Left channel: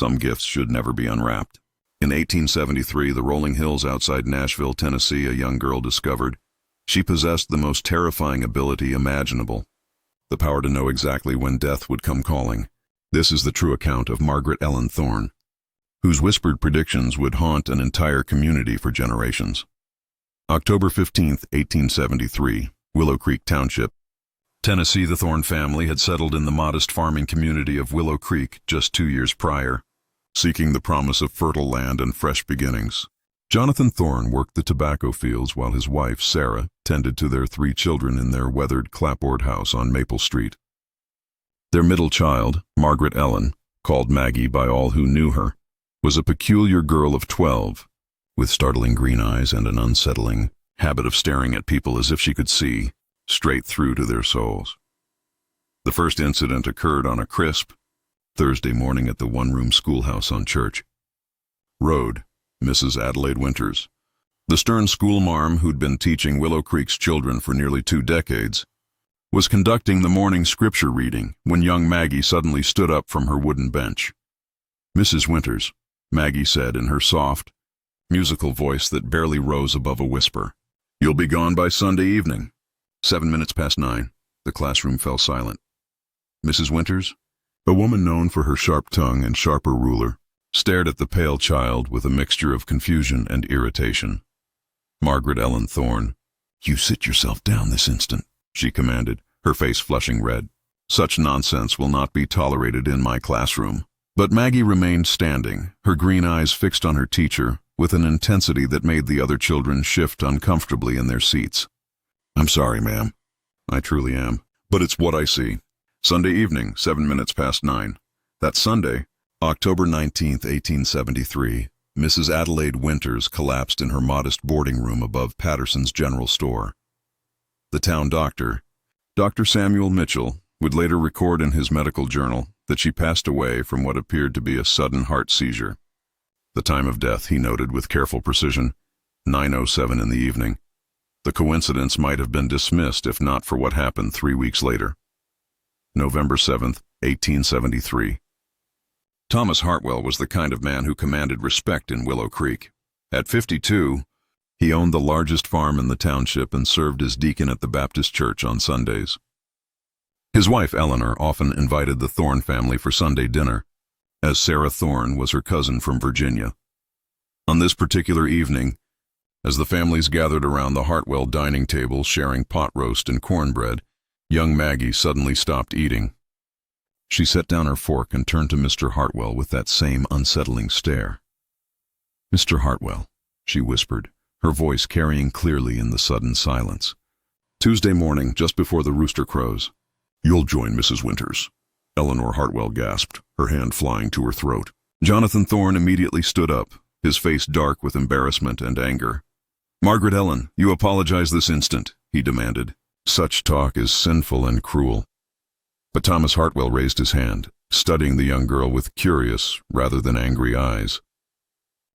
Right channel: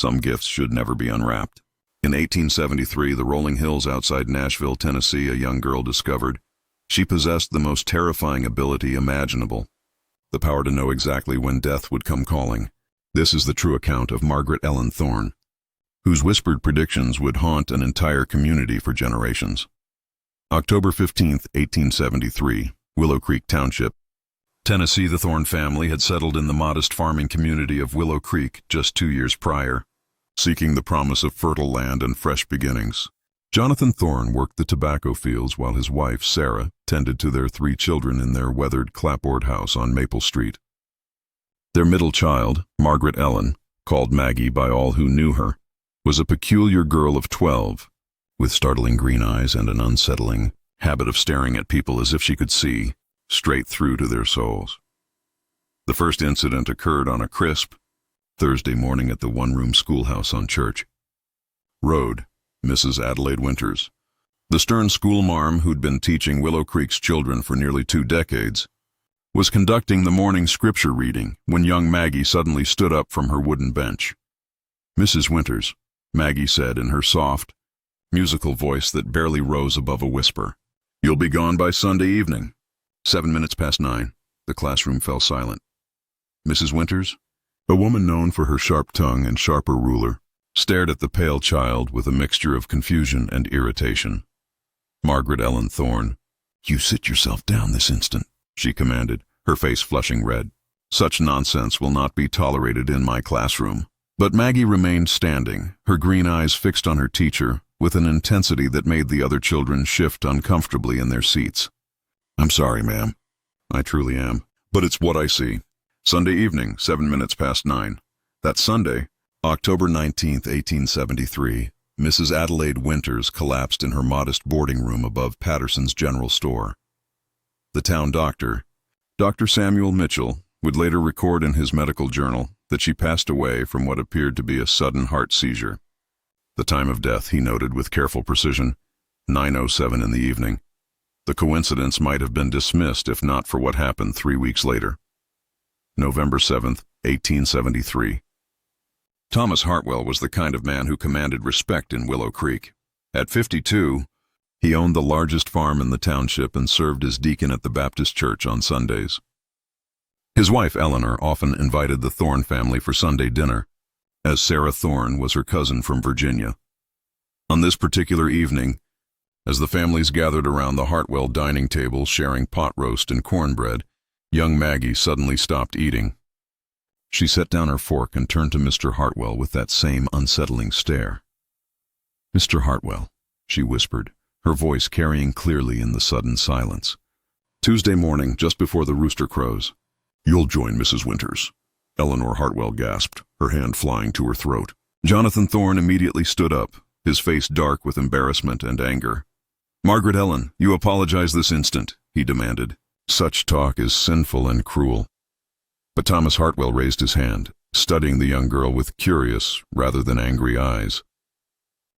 Some gifts should never be unwrapped. In 1873, the rolling hills outside Nashville, Tennessee, a young girl discovered she possessed the most terrifying ability imaginable, the power to know exactly when death would come calling. This is the true account of Margaret Ellen Thorne, whose whispered predictions would haunt an entire community for generations. October 15, 1873, Willow Creek Township, Tennessee. The Thorne family had settled in the modest farming community of Willow Creek just 2 years prior, seeking the promise of fertile land and fresh beginnings. Jonathan Thorne worked the tobacco fields while his wife, Sarah, tended to their 3 children in their weathered clapboard house on Maple Street. Their middle child, Margaret Ellen, called Maggie by all who knew her, was a peculiar girl of 12, with startling green eyes and an unsettling habit of staring at people as if she could see straight through to their souls. The first incident occurred on a crisp Thursday morning at the one-room schoolhouse on Church Road. Mrs. Adelaide Winters, the stern schoolmarm who'd been teaching Willow Creek's children for nearly 2 decades, was conducting the morning scripture reading when young Maggie suddenly stood up from her wooden bench. "Mrs. Winters," Maggie said in her soft, musical voice that barely rose above a whisper, "you'll be gone by Sunday evening." 7 minutes past 9. The classroom fell silent. Mrs. Winters, a woman known for her sharp tongue and sharper ruler, stared at the pale child with a mixture of confusion and irritation. Margaret Ellen Thorne, "You sit yourself down this instant," she commanded, her face flushing red. "Such nonsense will not be tolerated in my classroom." But Maggie remained standing, her green eyes fixed on her teacher, with an intensity that made the other children shift uncomfortably in their seats. "I'm sorry, ma'am. I truly am. But it's what I see. Sunday evening, 7 minutes past 9. That Sunday, October 19, 1873, Mrs. Adelaide Winters collapsed in her modest boarding room above Patterson's General Store. The town doctor, Dr. Samuel Mitchell, would later record in his medical journal that she passed away from what appeared to be a sudden heart seizure. The time of death, he noted with careful precision, 9:07 in the evening. The coincidence might have been dismissed if not for what happened 3 weeks later. November 7, 1873. Thomas Hartwell was the kind of man who commanded respect in Willow Creek. At 52, he owned the largest farm in the township and served as deacon at the Baptist church on Sundays. His wife Eleanor often invited the Thorne family for Sunday dinner, as Sarah Thorne was her cousin from Virginia. On this particular evening, as the families gathered around the Hartwell dining table sharing pot roast and cornbread, young Maggie suddenly stopped eating. She set down her fork and turned to Mr. Hartwell with that same unsettling stare. "Mr. Hartwell," she whispered, her voice carrying clearly in the sudden silence. "Tuesday morning, just before the rooster crows." "You'll join Mrs. Winters," Eleanor Hartwell gasped, her hand flying to her throat. Jonathan Thorne immediately stood up, his face dark with embarrassment and anger. "Margaret Ellen, you apologize this instant," he demanded. "Such talk is sinful and cruel." But Thomas Hartwell raised his hand, studying the young girl with curious rather than angry eyes.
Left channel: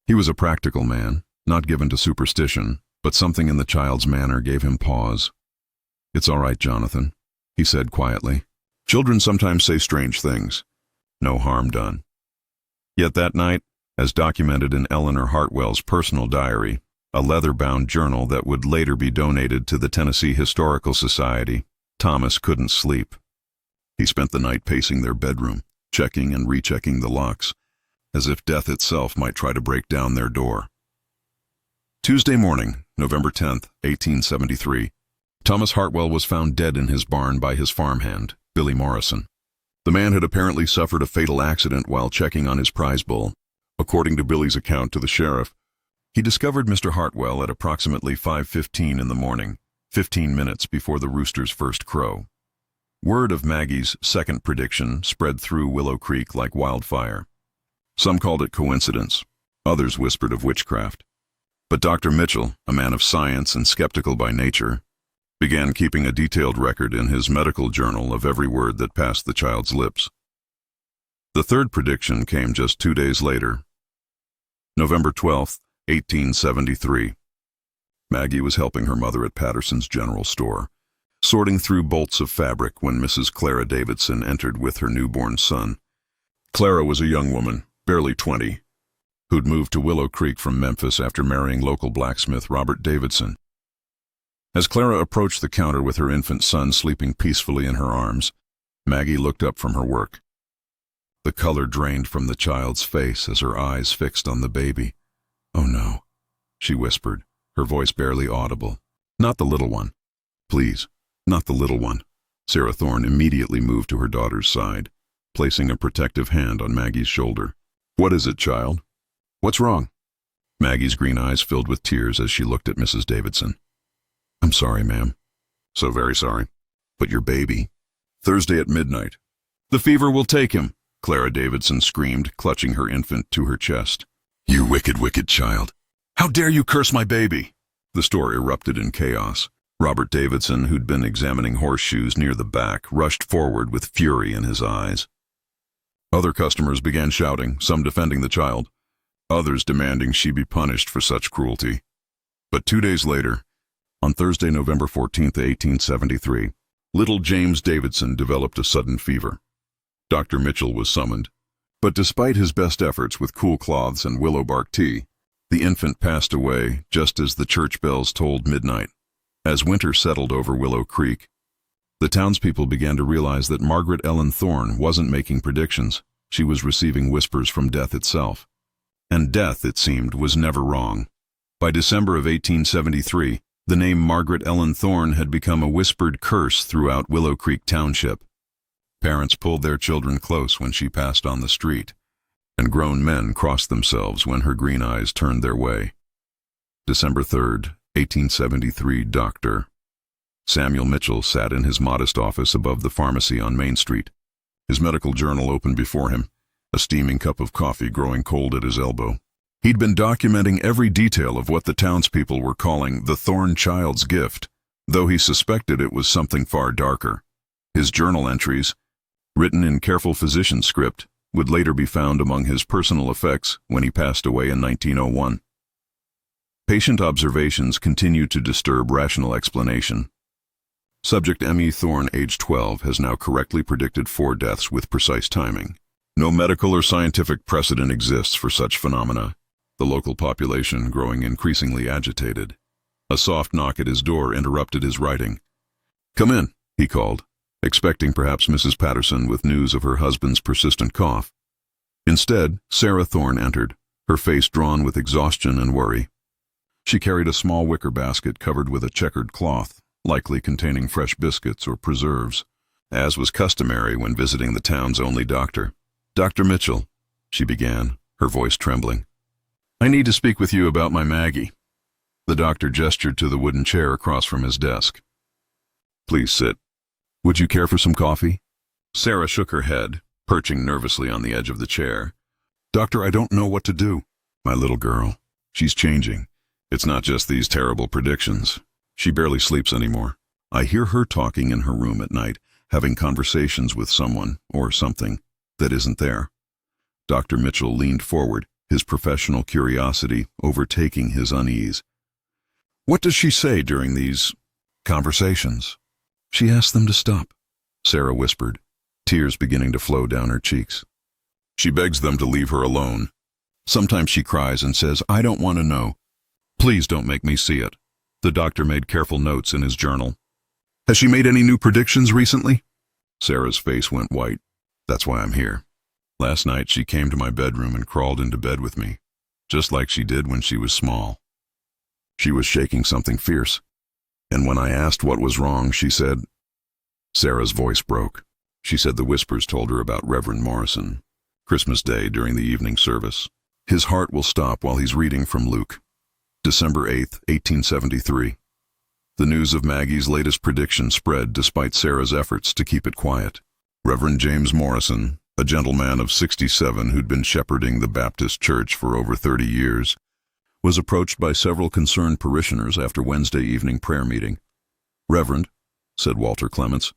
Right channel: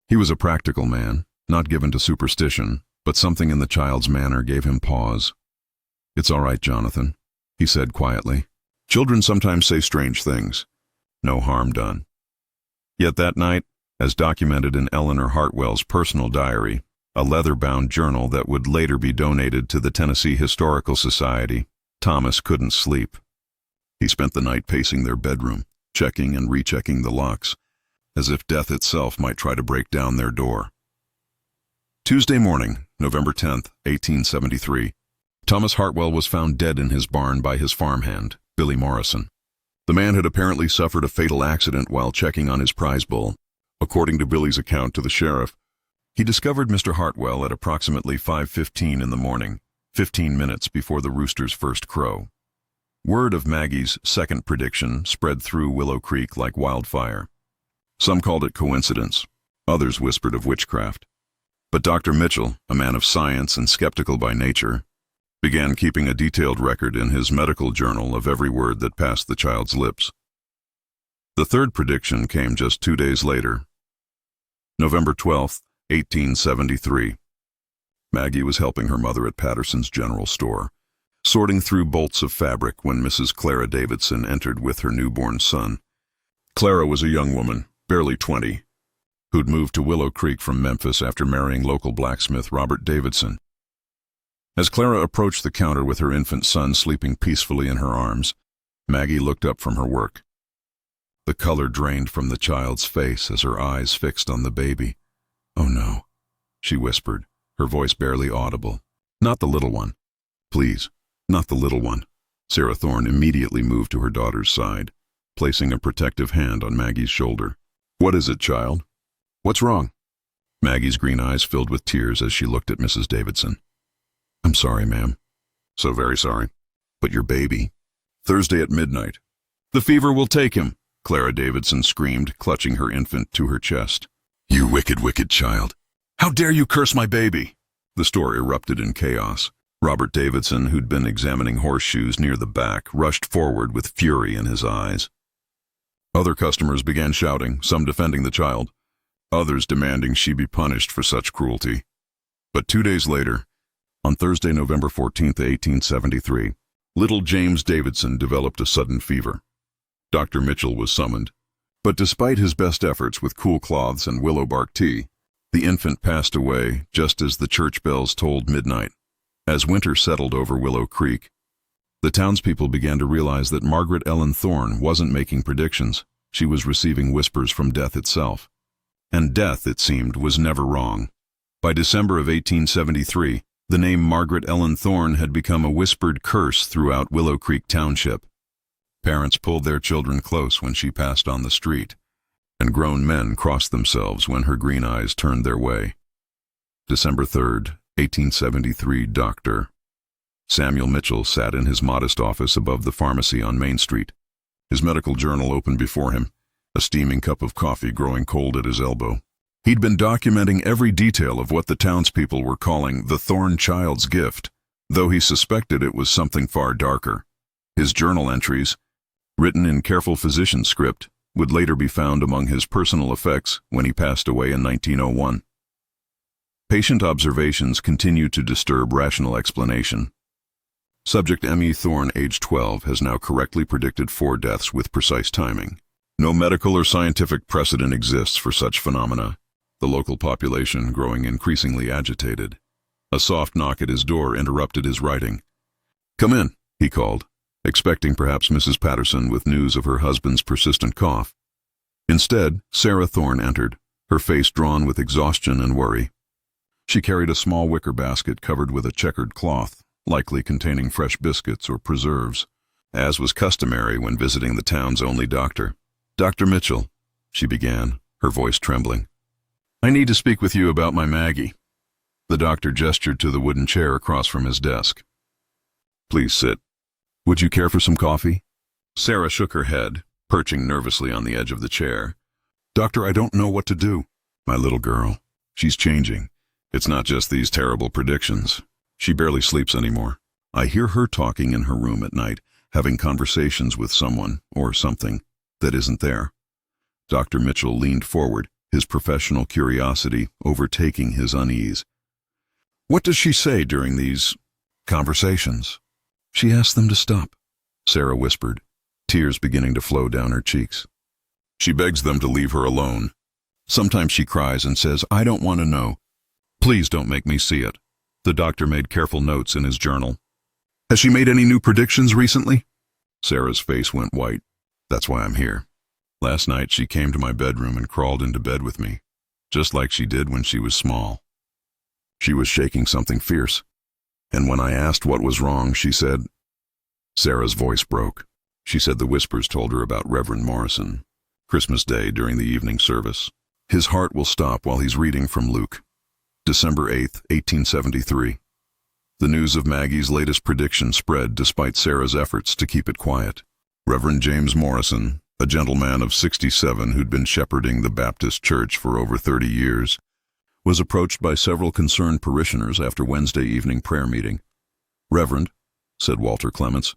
He was a practical man, not given to superstition, but something in the child's manner gave him pause. "It's all right, Jonathan," he said quietly. "Children sometimes say strange things. No harm done." Yet that night, as documented in Eleanor Hartwell's personal diary, a leather-bound journal that would later be donated to the Tennessee Historical Society, Thomas couldn't sleep. He spent the night pacing their bedroom, checking and rechecking the locks, as if death itself might try to break down their door. Tuesday morning, November 10, 1873, Thomas Hartwell was found dead in his barn by his farmhand, Billy Morrison. The man had apparently suffered a fatal accident while checking on his prize bull. According to Billy's account to the sheriff, he discovered Mr. Hartwell at approximately 5:15 in the morning, 15 minutes before the rooster's first crow. Word of Maggie's second prediction spread through Willow Creek like wildfire. Some called it coincidence, others whispered of witchcraft. But Dr. Mitchell, a man of science and skeptical by nature, began keeping a detailed record in his medical journal of every word that passed the child's lips. The third prediction came just 2 days later. November 12, 1873. Maggie was helping her mother at Patterson's General Store, sorting through bolts of fabric when Mrs. Clara Davidson entered with her newborn son. Clara was a young woman, barely 20, who'd moved to Willow Creek from Memphis after marrying local blacksmith Robert Davidson. As Clara approached the counter with her infant son sleeping peacefully in her arms, Maggie looked up from her work. The color drained from the child's face as her eyes fixed on the baby. "Oh no," she whispered, her voice barely audible. "Not the little one. Please, not the little one." Sarah Thorne immediately moved to her daughter's side, placing a protective hand on Maggie's shoulder. "What is it, child? What's wrong?" Maggie's green eyes filled with tears as she looked at Mrs. Davidson. "I'm sorry, ma'am. So very sorry. But your baby? Thursday at midnight. The fever will take him," Clara Davidson screamed, clutching her infant to her chest. "You wicked, wicked child. How dare you curse my baby?" The store erupted in chaos. Robert Davidson, who'd been examining horseshoes near the back, rushed forward with fury in his eyes. Other customers began shouting, some defending the child, others demanding she be punished for such cruelty. But 2 days later, on Thursday, November 14, 1873, little James Davidson developed a sudden fever. Dr. Mitchell was summoned, but despite his best efforts with cool cloths and willow bark tea, the infant passed away just as the church bells tolled midnight. As winter settled over Willow Creek, the townspeople began to realize that Margaret Ellen Thorne wasn't making predictions. She was receiving whispers from death itself. And death, it seemed, was never wrong. By December of 1873, the name Margaret Ellen Thorne had become a whispered curse throughout Willow Creek Township. Parents pulled their children close when she passed on the street, and grown men crossed themselves when her green eyes turned their way. December 3rd, 1873, Dr. Samuel Mitchell sat in his modest office above the pharmacy on Main Street, his medical journal open before him, a steaming cup of coffee growing cold at his elbow. He'd been documenting every detail of what the townspeople were calling the Thorne child's gift, though he suspected it was something far darker. His journal entries, written in careful physician script, would later be found among his personal effects when he passed away in 1901. Patient observations continue to disturb rational explanation. Subject M.E. Thorne, age 12, has now correctly predicted 4 deaths with precise timing. No medical or scientific precedent exists for such phenomena, the local population growing increasingly agitated. A soft knock at his door interrupted his writing. "Come in," he called, expecting perhaps Mrs. Patterson with news of her husband's persistent cough. Instead, Sarah Thorne entered, her face drawn with exhaustion and worry. She carried a small wicker basket covered with a checkered cloth, likely containing fresh biscuits or preserves, as was customary when visiting the town's only doctor. "Dr. Mitchell," she began, her voice trembling. "I need to speak with you about my Maggie." The doctor gestured to the wooden chair across from his desk. "Please sit. Would you care for some coffee?" Sarah shook her head, perching nervously on the edge of the chair. "Doctor, I don't know what to do. My little girl, she's changing. It's not just these terrible predictions. She barely sleeps anymore. I hear her talking in her room at night, having conversations with someone, or something, that isn't there." Dr. Mitchell leaned forward, his professional curiosity overtaking his unease. "What does she say during these conversations?" "She asks them to stop," Sarah whispered, tears beginning to flow down her cheeks. "She begs them to leave her alone. Sometimes she cries and says, 'I don't want to know. Please don't make me see it.'" The doctor made careful notes in his journal. "Has she made any new predictions recently?" Sarah's face went white. "That's why I'm here. Last night she came to my bedroom and crawled into bed with me, just like she did when she was small. She was shaking something fierce, and when I asked what was wrong, she said—" Sarah's voice broke. She said the whispers told her about Reverend Morrison, Christmas Day during the evening service. "His heart will stop while he's reading from Luke." December 8, 1873. The news of Maggie's latest prediction spread despite Sarah's efforts to keep it quiet. Reverend James Morrison, a gentleman of 67 who'd been shepherding the Baptist church for over 30 years, was approached by several concerned parishioners after Wednesday evening prayer meeting. "Reverend," said Walter Clements,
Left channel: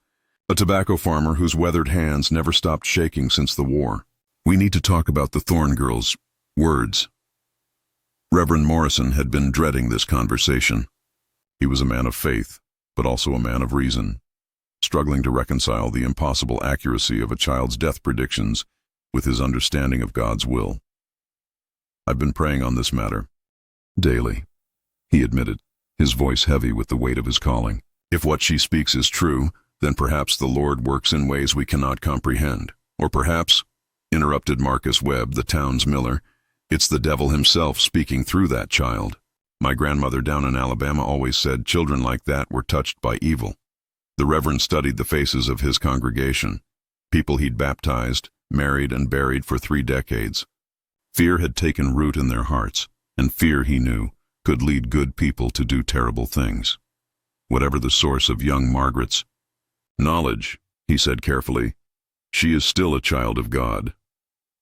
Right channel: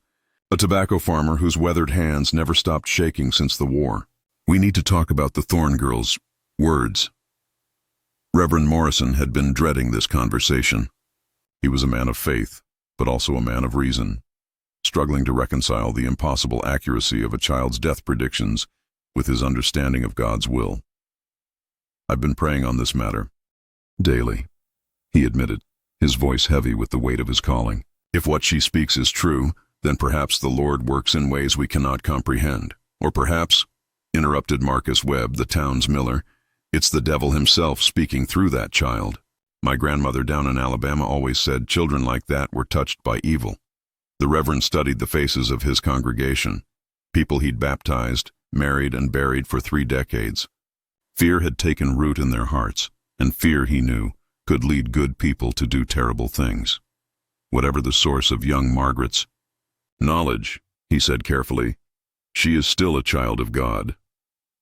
a tobacco farmer whose weathered hands never stopped shaking since the war, "we need to talk about the Thorne girl's words." Reverend Morrison had been dreading this conversation. He was a man of faith, but also a man of reason. Struggling to reconcile the impossible accuracy of a child's death predictions, with his understanding of God's will. "I've been praying on this matter daily," he admitted, his voice heavy with the weight of his calling. "If what she speaks is true, then perhaps the Lord works in ways we cannot comprehend. Or perhaps," interrupted Marcus Webb, the town's miller, "it's the devil himself speaking through that child. My grandmother down in Alabama always said children like that were touched by evil." The Reverend studied the faces of his congregation, people he'd baptized, married, and buried for 3 decades. Fear had taken root in their hearts, and fear, he knew, could lead good people to do terrible things. Whatever the source of young Margaret's knowledge, he said carefully, she is still a child of God.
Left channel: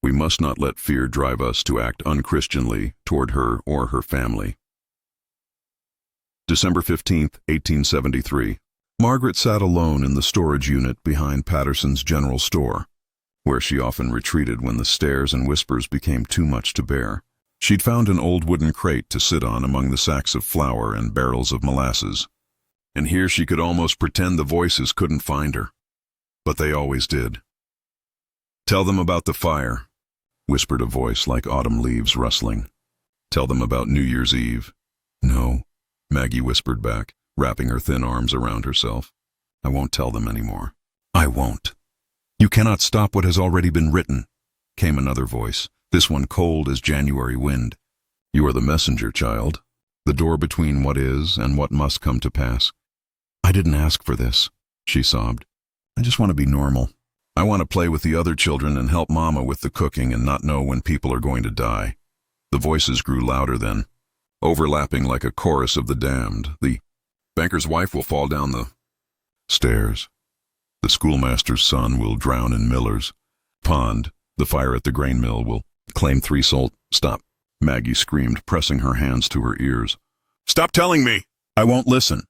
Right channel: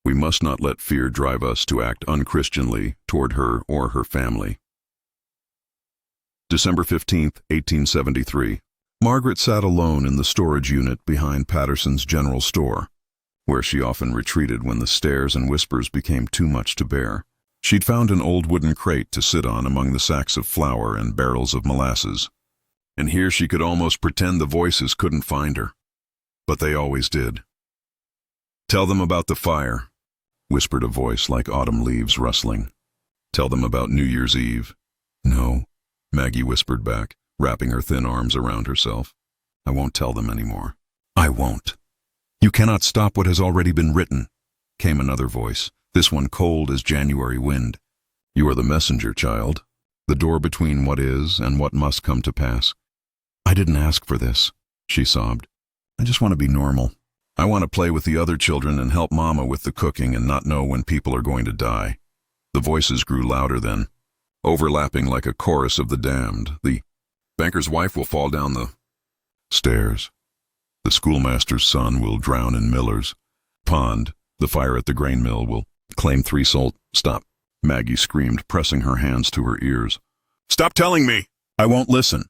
We must not let fear drive us to act unchristianly toward her or her family. December 15, 1873. Margaret sat alone in the storage unit behind Patterson's general store, where she often retreated when the stares and whispers became too much to bear. She'd found an old wooden crate to sit on among the sacks of flour and barrels of molasses. And here she could almost pretend the voices couldn't find her. But they always did. "Tell them about the fire," whispered a voice like autumn leaves rustling. "Tell them about New Year's Eve." "No," Maggie whispered back, wrapping her thin arms around herself. "I won't tell them anymore. I won't." "You cannot stop what has already been written," came another voice, this one cold as January wind. "You are the messenger, child, the door between what is and what must come to pass." "I didn't ask for this," she sobbed. "I just want to be normal. I want to play with the other children and help Mama with the cooking and not know when people are going to die." The voices grew louder then, overlapping like a chorus of the damned. "The banker's wife will fall down the stairs. The schoolmaster's son will drown in Miller's pond. The fire at the grain mill will claim 3 souls." "Stop," Maggie screamed, pressing her hands to her ears. "Stop telling me! I won't listen."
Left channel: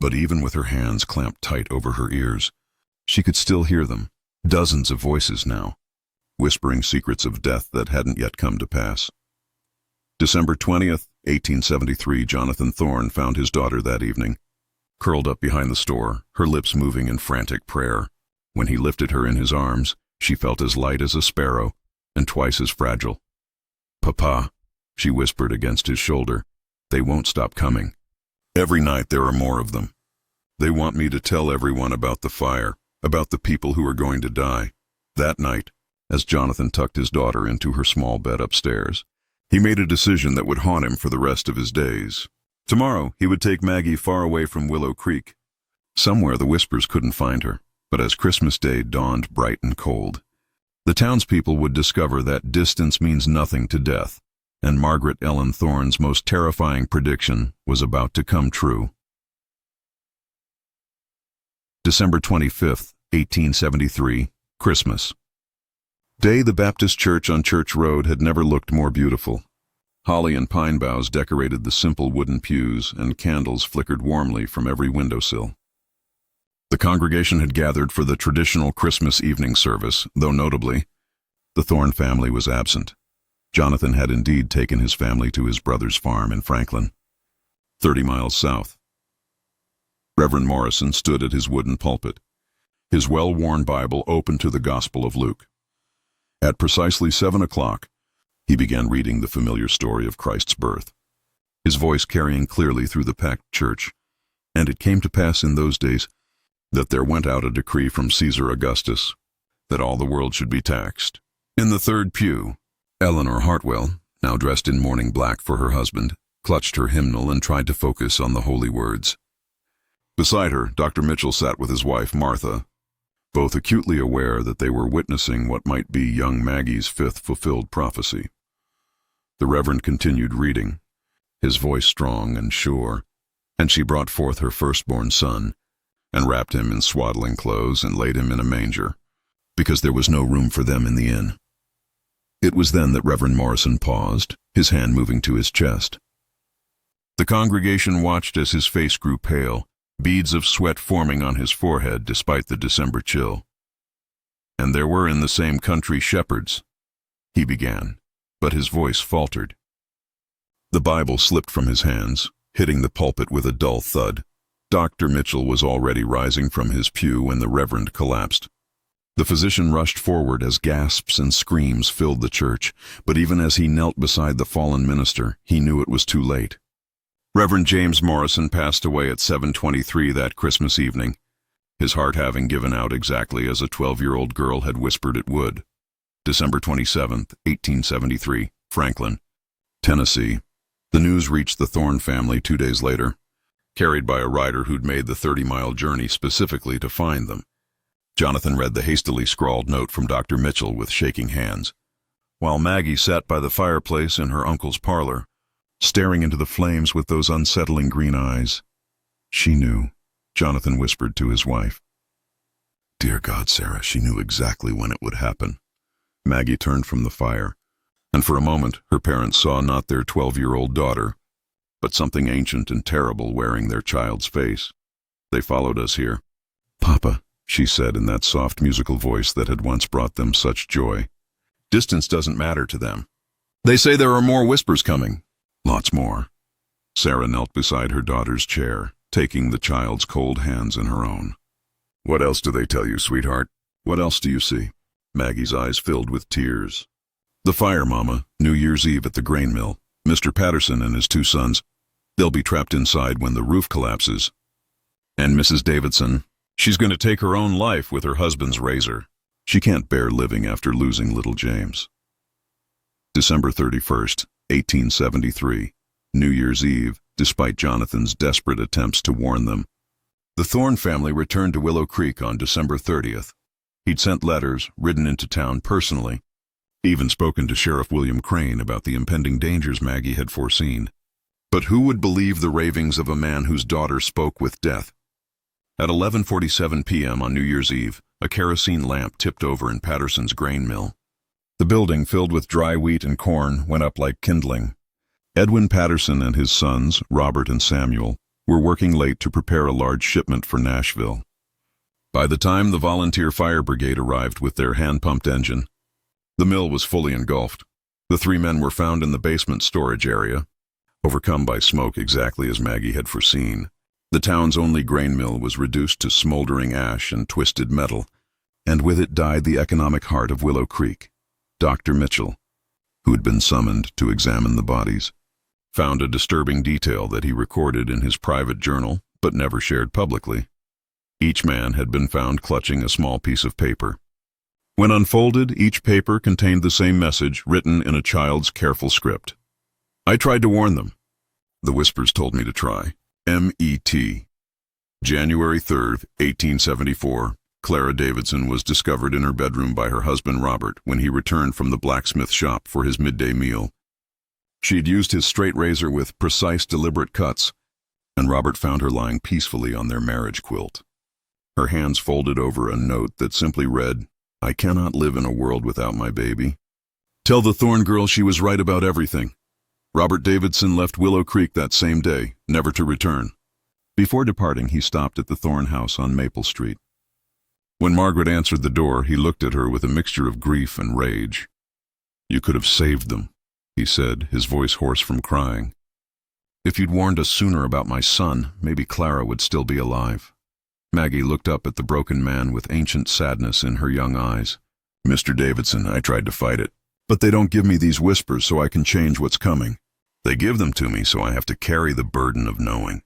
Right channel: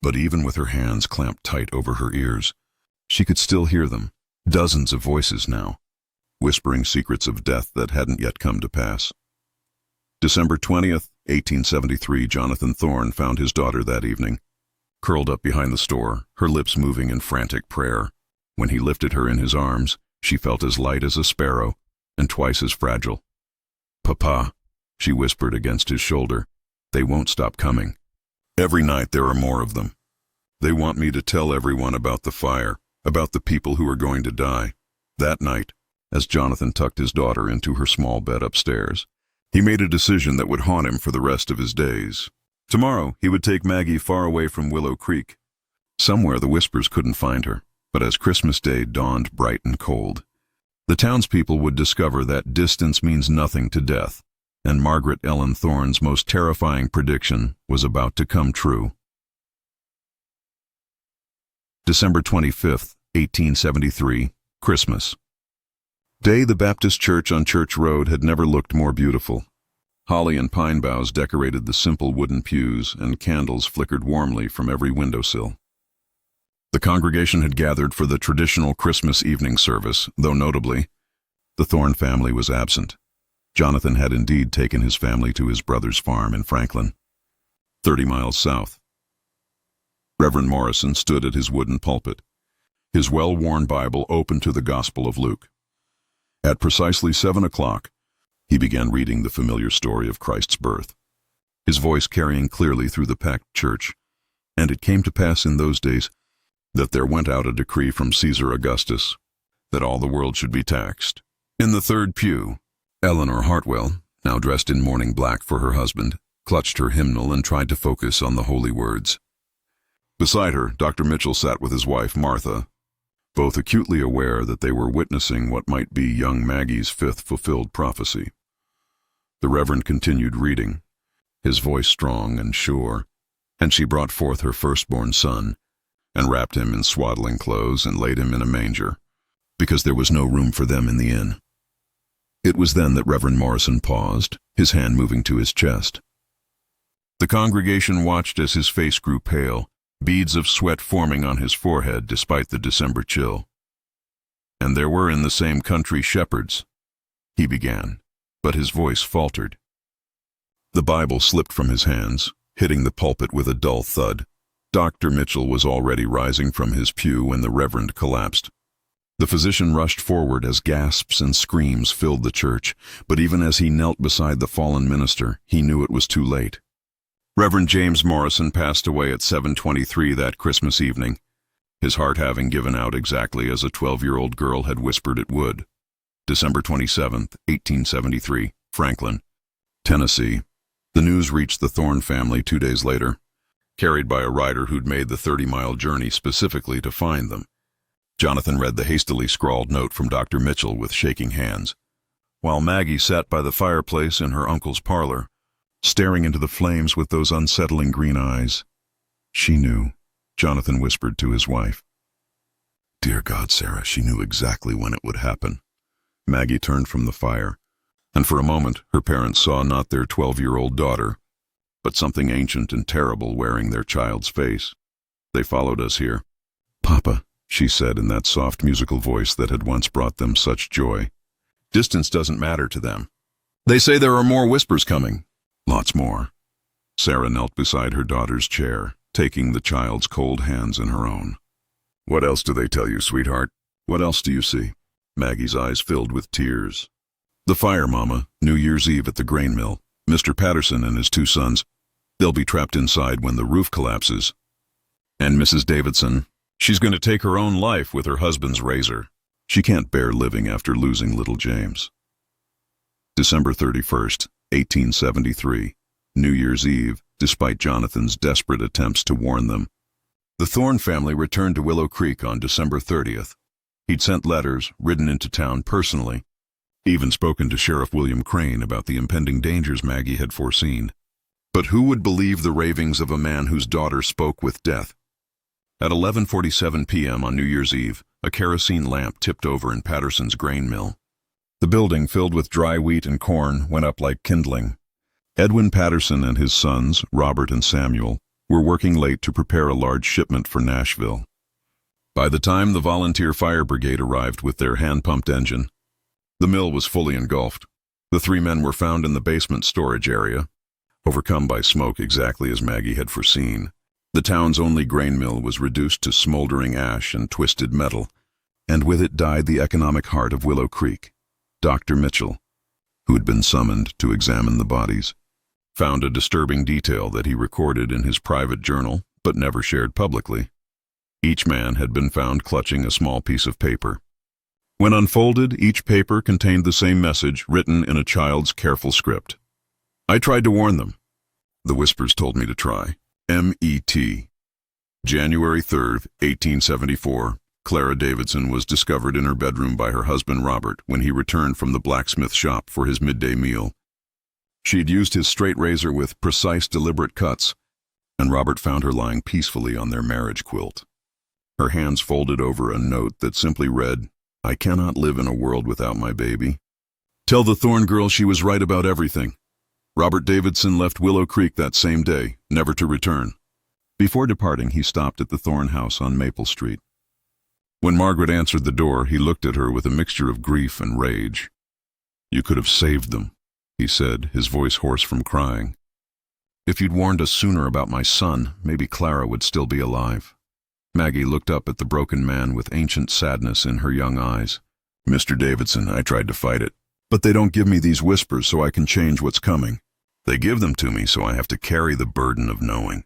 But even with her hands clamped tight over her ears, she could still hear them, dozens of voices now, whispering secrets of death that hadn't yet come to pass. December 20th, 1873, Jonathan Thorne found his daughter that evening, curled up behind the store, her lips moving in frantic prayer. When he lifted her in his arms, she felt as light as a sparrow and twice as fragile. "Papa," she whispered against his shoulder, "they won't stop coming. Every night there are more of them. They want me to tell everyone about the fire, about the people who are going to die." That night, as Jonathan tucked his daughter into her small bed upstairs, he made a decision that would haunt him for the rest of his days. Tomorrow, he would take Maggie far away from Willow Creek. Somewhere the whispers couldn't find her, but as Christmas Day dawned bright and cold, the townspeople would discover that distance means nothing to death, and Margaret Ellen Thorne's most terrifying prediction was about to come true. December 25th, 1873, Christmas Day. The Baptist Church on Church Road had never looked more beautiful. Holly and pine boughs decorated the simple wooden pews, and candles flickered warmly from every windowsill. The congregation had gathered for the traditional Christmas evening service, though notably, the Thorne family was absent. Jonathan had indeed taken his family to his brother's farm in Franklin, 30 miles south. Reverend Morrison stood at his wooden pulpit, his well-worn Bible open to the Gospel of Luke. At precisely 7 o'clock, he began reading the familiar story of Christ's birth, his voice carrying clearly through the packed church. "And it came to pass in those days that there went out a decree from Caesar Augustus, that all the world should be taxed." In the third pew, Eleanor Hartwell, now dressed in mourning black for her husband, clutched her hymnal and tried to focus on the holy words. Beside her, Dr. Mitchell sat with his wife, Martha, both acutely aware that they were witnessing what might be young Maggie's 5th fulfilled prophecy. The Reverend continued reading, his voice strong and sure, "And she brought forth her firstborn son, and wrapped him in swaddling clothes, and laid him in a manger, because there was no room for them in the inn." It was then that Reverend Morrison paused, his hand moving to his chest. The congregation watched as his face grew pale, beads of sweat forming on his forehead despite the December chill. "And there were in the same country shepherds," he began, but his voice faltered. The Bible slipped from his hands, hitting the pulpit with a dull thud. Dr. Mitchell was already rising from his pew when the Reverend collapsed. The physician rushed forward as gasps and screams filled the church, but even as he knelt beside the fallen minister, he knew it was too late. Reverend James Morrison passed away at 7:23 that Christmas evening, his heart having given out exactly as a 12-year-old girl had whispered it would. December 27, 1873, Franklin, Tennessee. The news reached the Thorne family 2 days later, carried by a rider who'd made the 30-mile journey specifically to find them. Jonathan read the hastily scrawled note from Dr. Mitchell with shaking hands, while Maggie sat by the fireplace in her uncle's parlor, staring into the flames with those unsettling green eyes. She knew, Jonathan whispered to his wife. Dear God, Sarah, she knew exactly when it would happen. Maggie turned from the fire, and for a moment her parents saw not their 12-year-old daughter, but something ancient and terrible wearing their child's face. They followed us here. Papa, she said in that soft musical voice that had once brought them such joy. Distance doesn't matter to them. They say there are more whispers coming. Lots more. Sarah knelt beside her daughter's chair, taking the child's cold hands in her own. What else do they tell you, sweetheart? What else do you see? Maggie's eyes filled with tears. The fire, Mama, New Year's Eve at the grain mill. Mr. Patterson and his 2 sons. They'll be trapped inside when the roof collapses. And Mrs. Davidson, she's going to take her own life with her husband's razor. She can't bear living after losing little James. December 31st, 1873, New Year's Eve, despite Jonathan's desperate attempts to warn them. The Thorne family returned to Willow Creek on December 30th. He'd sent letters, ridden into town personally, even spoken to Sheriff William Crane about the impending dangers Maggie had foreseen. But who would believe the ravings of a man whose daughter spoke with death? At 11:47 p.m. on New Year's Eve, a kerosene lamp tipped over in Patterson's grain mill. The building, filled with dry wheat and corn, went up like kindling. Edwin Patterson and his sons, Robert and Samuel, were working late to prepare a large shipment for Nashville. By the time the volunteer fire brigade arrived with their hand-pumped engine, the mill was fully engulfed. The 3 men were found in the basement storage area, overcome by smoke exactly as Maggie had foreseen. The town's only grain mill was reduced to smoldering ash and twisted metal, and with it died the economic heart of Willow Creek. Dr. Mitchell, who had been summoned to examine the bodies, found a disturbing detail that he recorded in his private journal, but never shared publicly. Each man had been found clutching a small piece of paper. When unfolded, each paper contained the same message written in a child's careful script. I tried to warn them. The whispers told me to try. M.E.T. January 3rd, 1874. Clara Davidson was discovered in her bedroom by her husband Robert when he returned from the blacksmith shop for his midday meal. She'd used his straight razor with precise, deliberate cuts, and Robert found her lying peacefully on their marriage quilt. Her hands folded over a note that simply read, I cannot live in a world without my baby. Tell the Thorne girl she was right about everything. Robert Davidson left Willow Creek that same day, never to return. Before departing, he stopped at the Thorne house on Maple Street. When Margaret answered the door, he looked at her with a mixture of grief and rage. You could have saved them, he said, his voice hoarse from crying. If you'd warned us sooner about my son, maybe Clara would still be alive. Maggie looked up at the broken man with ancient sadness in her young eyes. Mr. Davidson, I tried to fight it, but they don't give me these whispers so I can change what's coming. They give them to me so I have to carry the burden of knowing.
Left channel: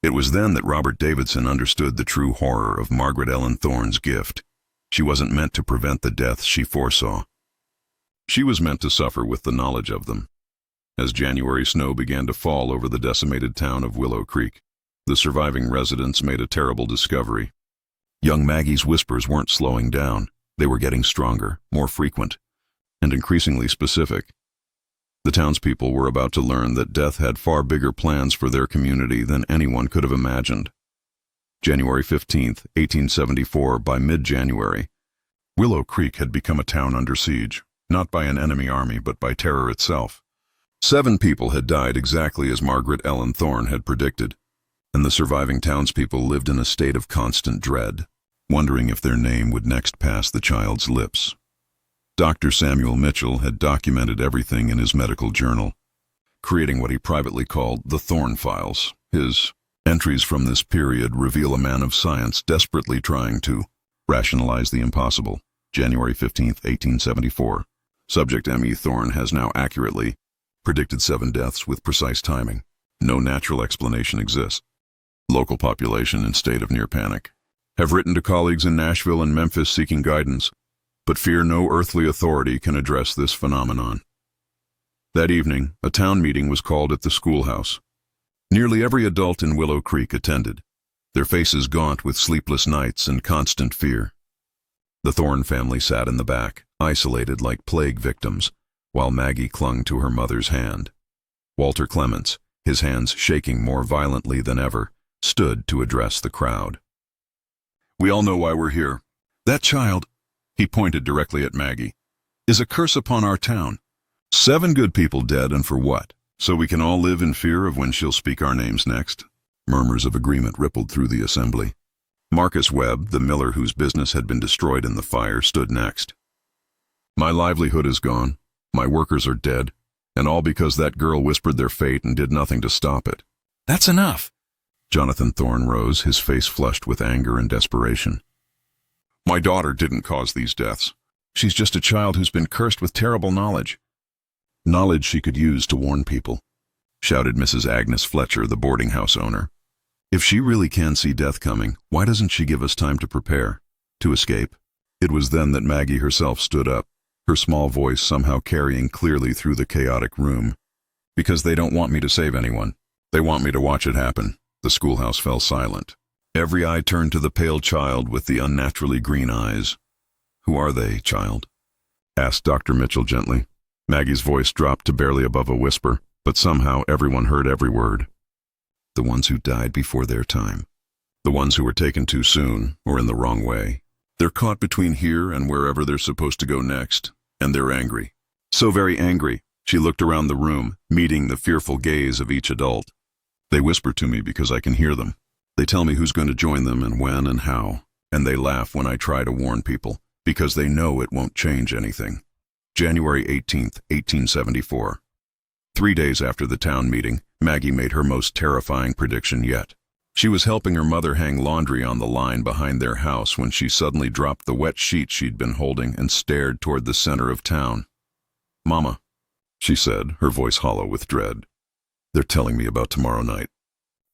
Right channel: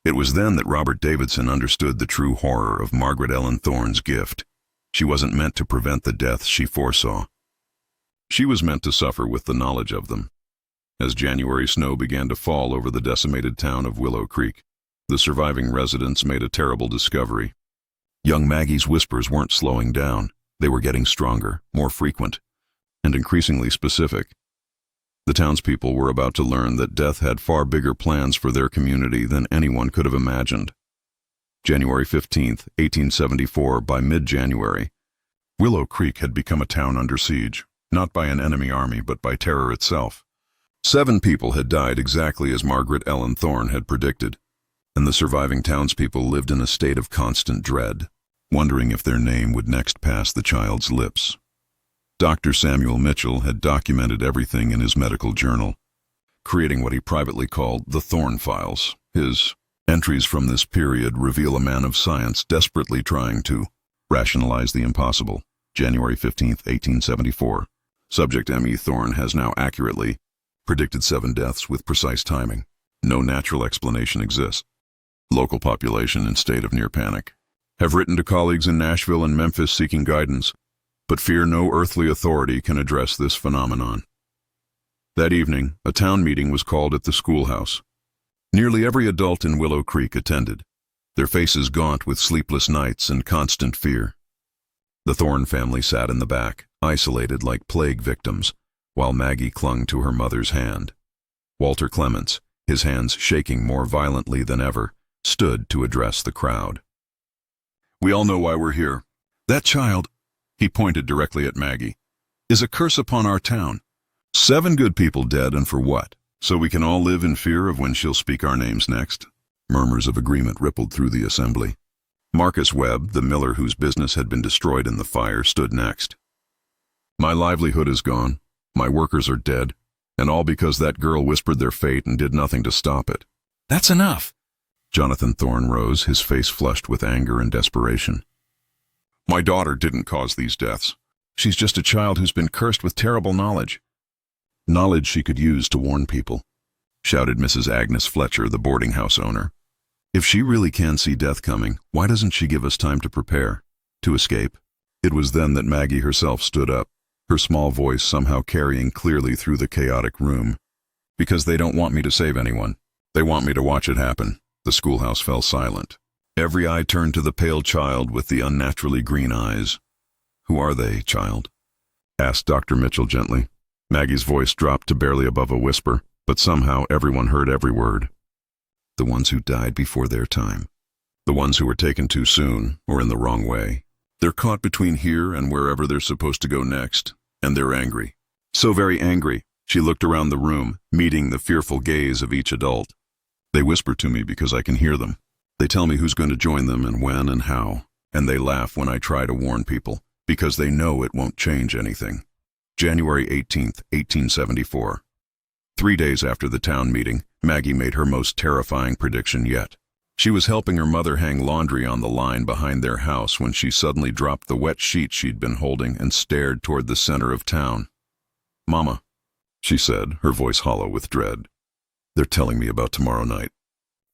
It was then that Robert Davidson understood the true horror of Margaret Ellen Thorne's gift. She wasn't meant to prevent the deaths she foresaw. She was meant to suffer with the knowledge of them. As January snow began to fall over the decimated town of Willow Creek, the surviving residents made a terrible discovery. Young Maggie's whispers weren't slowing down. They were getting stronger, more frequent, and increasingly specific. The townspeople were about to learn that death had far bigger plans for their community than anyone could have imagined. January 15th, 1874, by mid-January, Willow Creek had become a town under siege, not by an enemy army but by terror itself. 7 people had died exactly as Margaret Ellen Thorne had predicted, and the surviving townspeople lived in a state of constant dread, wondering if their name would next pass the child's lips. Dr. Samuel Mitchell had documented everything in his medical journal, creating what he privately called the Thorne Files. His entries from this period reveal a man of science desperately trying to rationalize the impossible. January 15, 1874. Subject M.E. Thorne has now accurately predicted 7 deaths with precise timing. No natural explanation exists. Local population in state of near panic. Have written to colleagues in Nashville and Memphis seeking guidance, but fear no earthly authority can address this phenomenon. That evening, a town meeting was called at the schoolhouse. Nearly every adult in Willow Creek attended, their faces gaunt with sleepless nights and constant fear. The Thorne family sat in the back, isolated like plague victims, while Maggie clung to her mother's hand. Walter Clements, his hands shaking more violently than ever, stood to address the crowd. "We all know why we're here. That child," he pointed directly at Maggie, "is a curse upon our town. 7 good people dead, and for what? So we can all live in fear of when she'll speak our names next." Murmurs of agreement rippled through the assembly. Marcus Webb, the miller whose business had been destroyed in the fire, stood next. "My livelihood is gone, my workers are dead, and all because that girl whispered their fate and did nothing to stop it." "That's enough." Jonathan Thorne rose, his face flushed with anger and desperation. "My daughter didn't cause these deaths. She's just a child who's been cursed with terrible knowledge." "Knowledge she could use to warn people," shouted Mrs. Agnes Fletcher, the boarding house owner. "If she really can see death coming, why doesn't she give us time to prepare, to escape?" It was then that Maggie herself stood up, her small voice somehow carrying clearly through the chaotic room. "Because they don't want me to save anyone. They want me to watch it happen." The schoolhouse fell silent. Every eye turned to the pale child with the unnaturally green eyes. "Who are they, child?" asked Dr. Mitchell gently. Maggie's voice dropped to barely above a whisper, but somehow everyone heard every word. "The ones who died before their time. The ones who were taken too soon, or in the wrong way. They're caught between here and wherever they're supposed to go next, and they're angry. So very angry." She looked around the room, meeting the fearful gaze of each adult. "They whisper to me because I can hear them. They tell me who's going to join them and when and how. And they laugh when I try to warn people, because they know it won't change anything." January 18, 1874. 3 days after the town meeting, Maggie made her most terrifying prediction yet. She was helping her mother hang laundry on the line behind their house when she suddenly dropped the wet sheet she'd been holding and stared toward the center of town. "Mama," she said, her voice hollow with dread. "They're telling me about tomorrow night."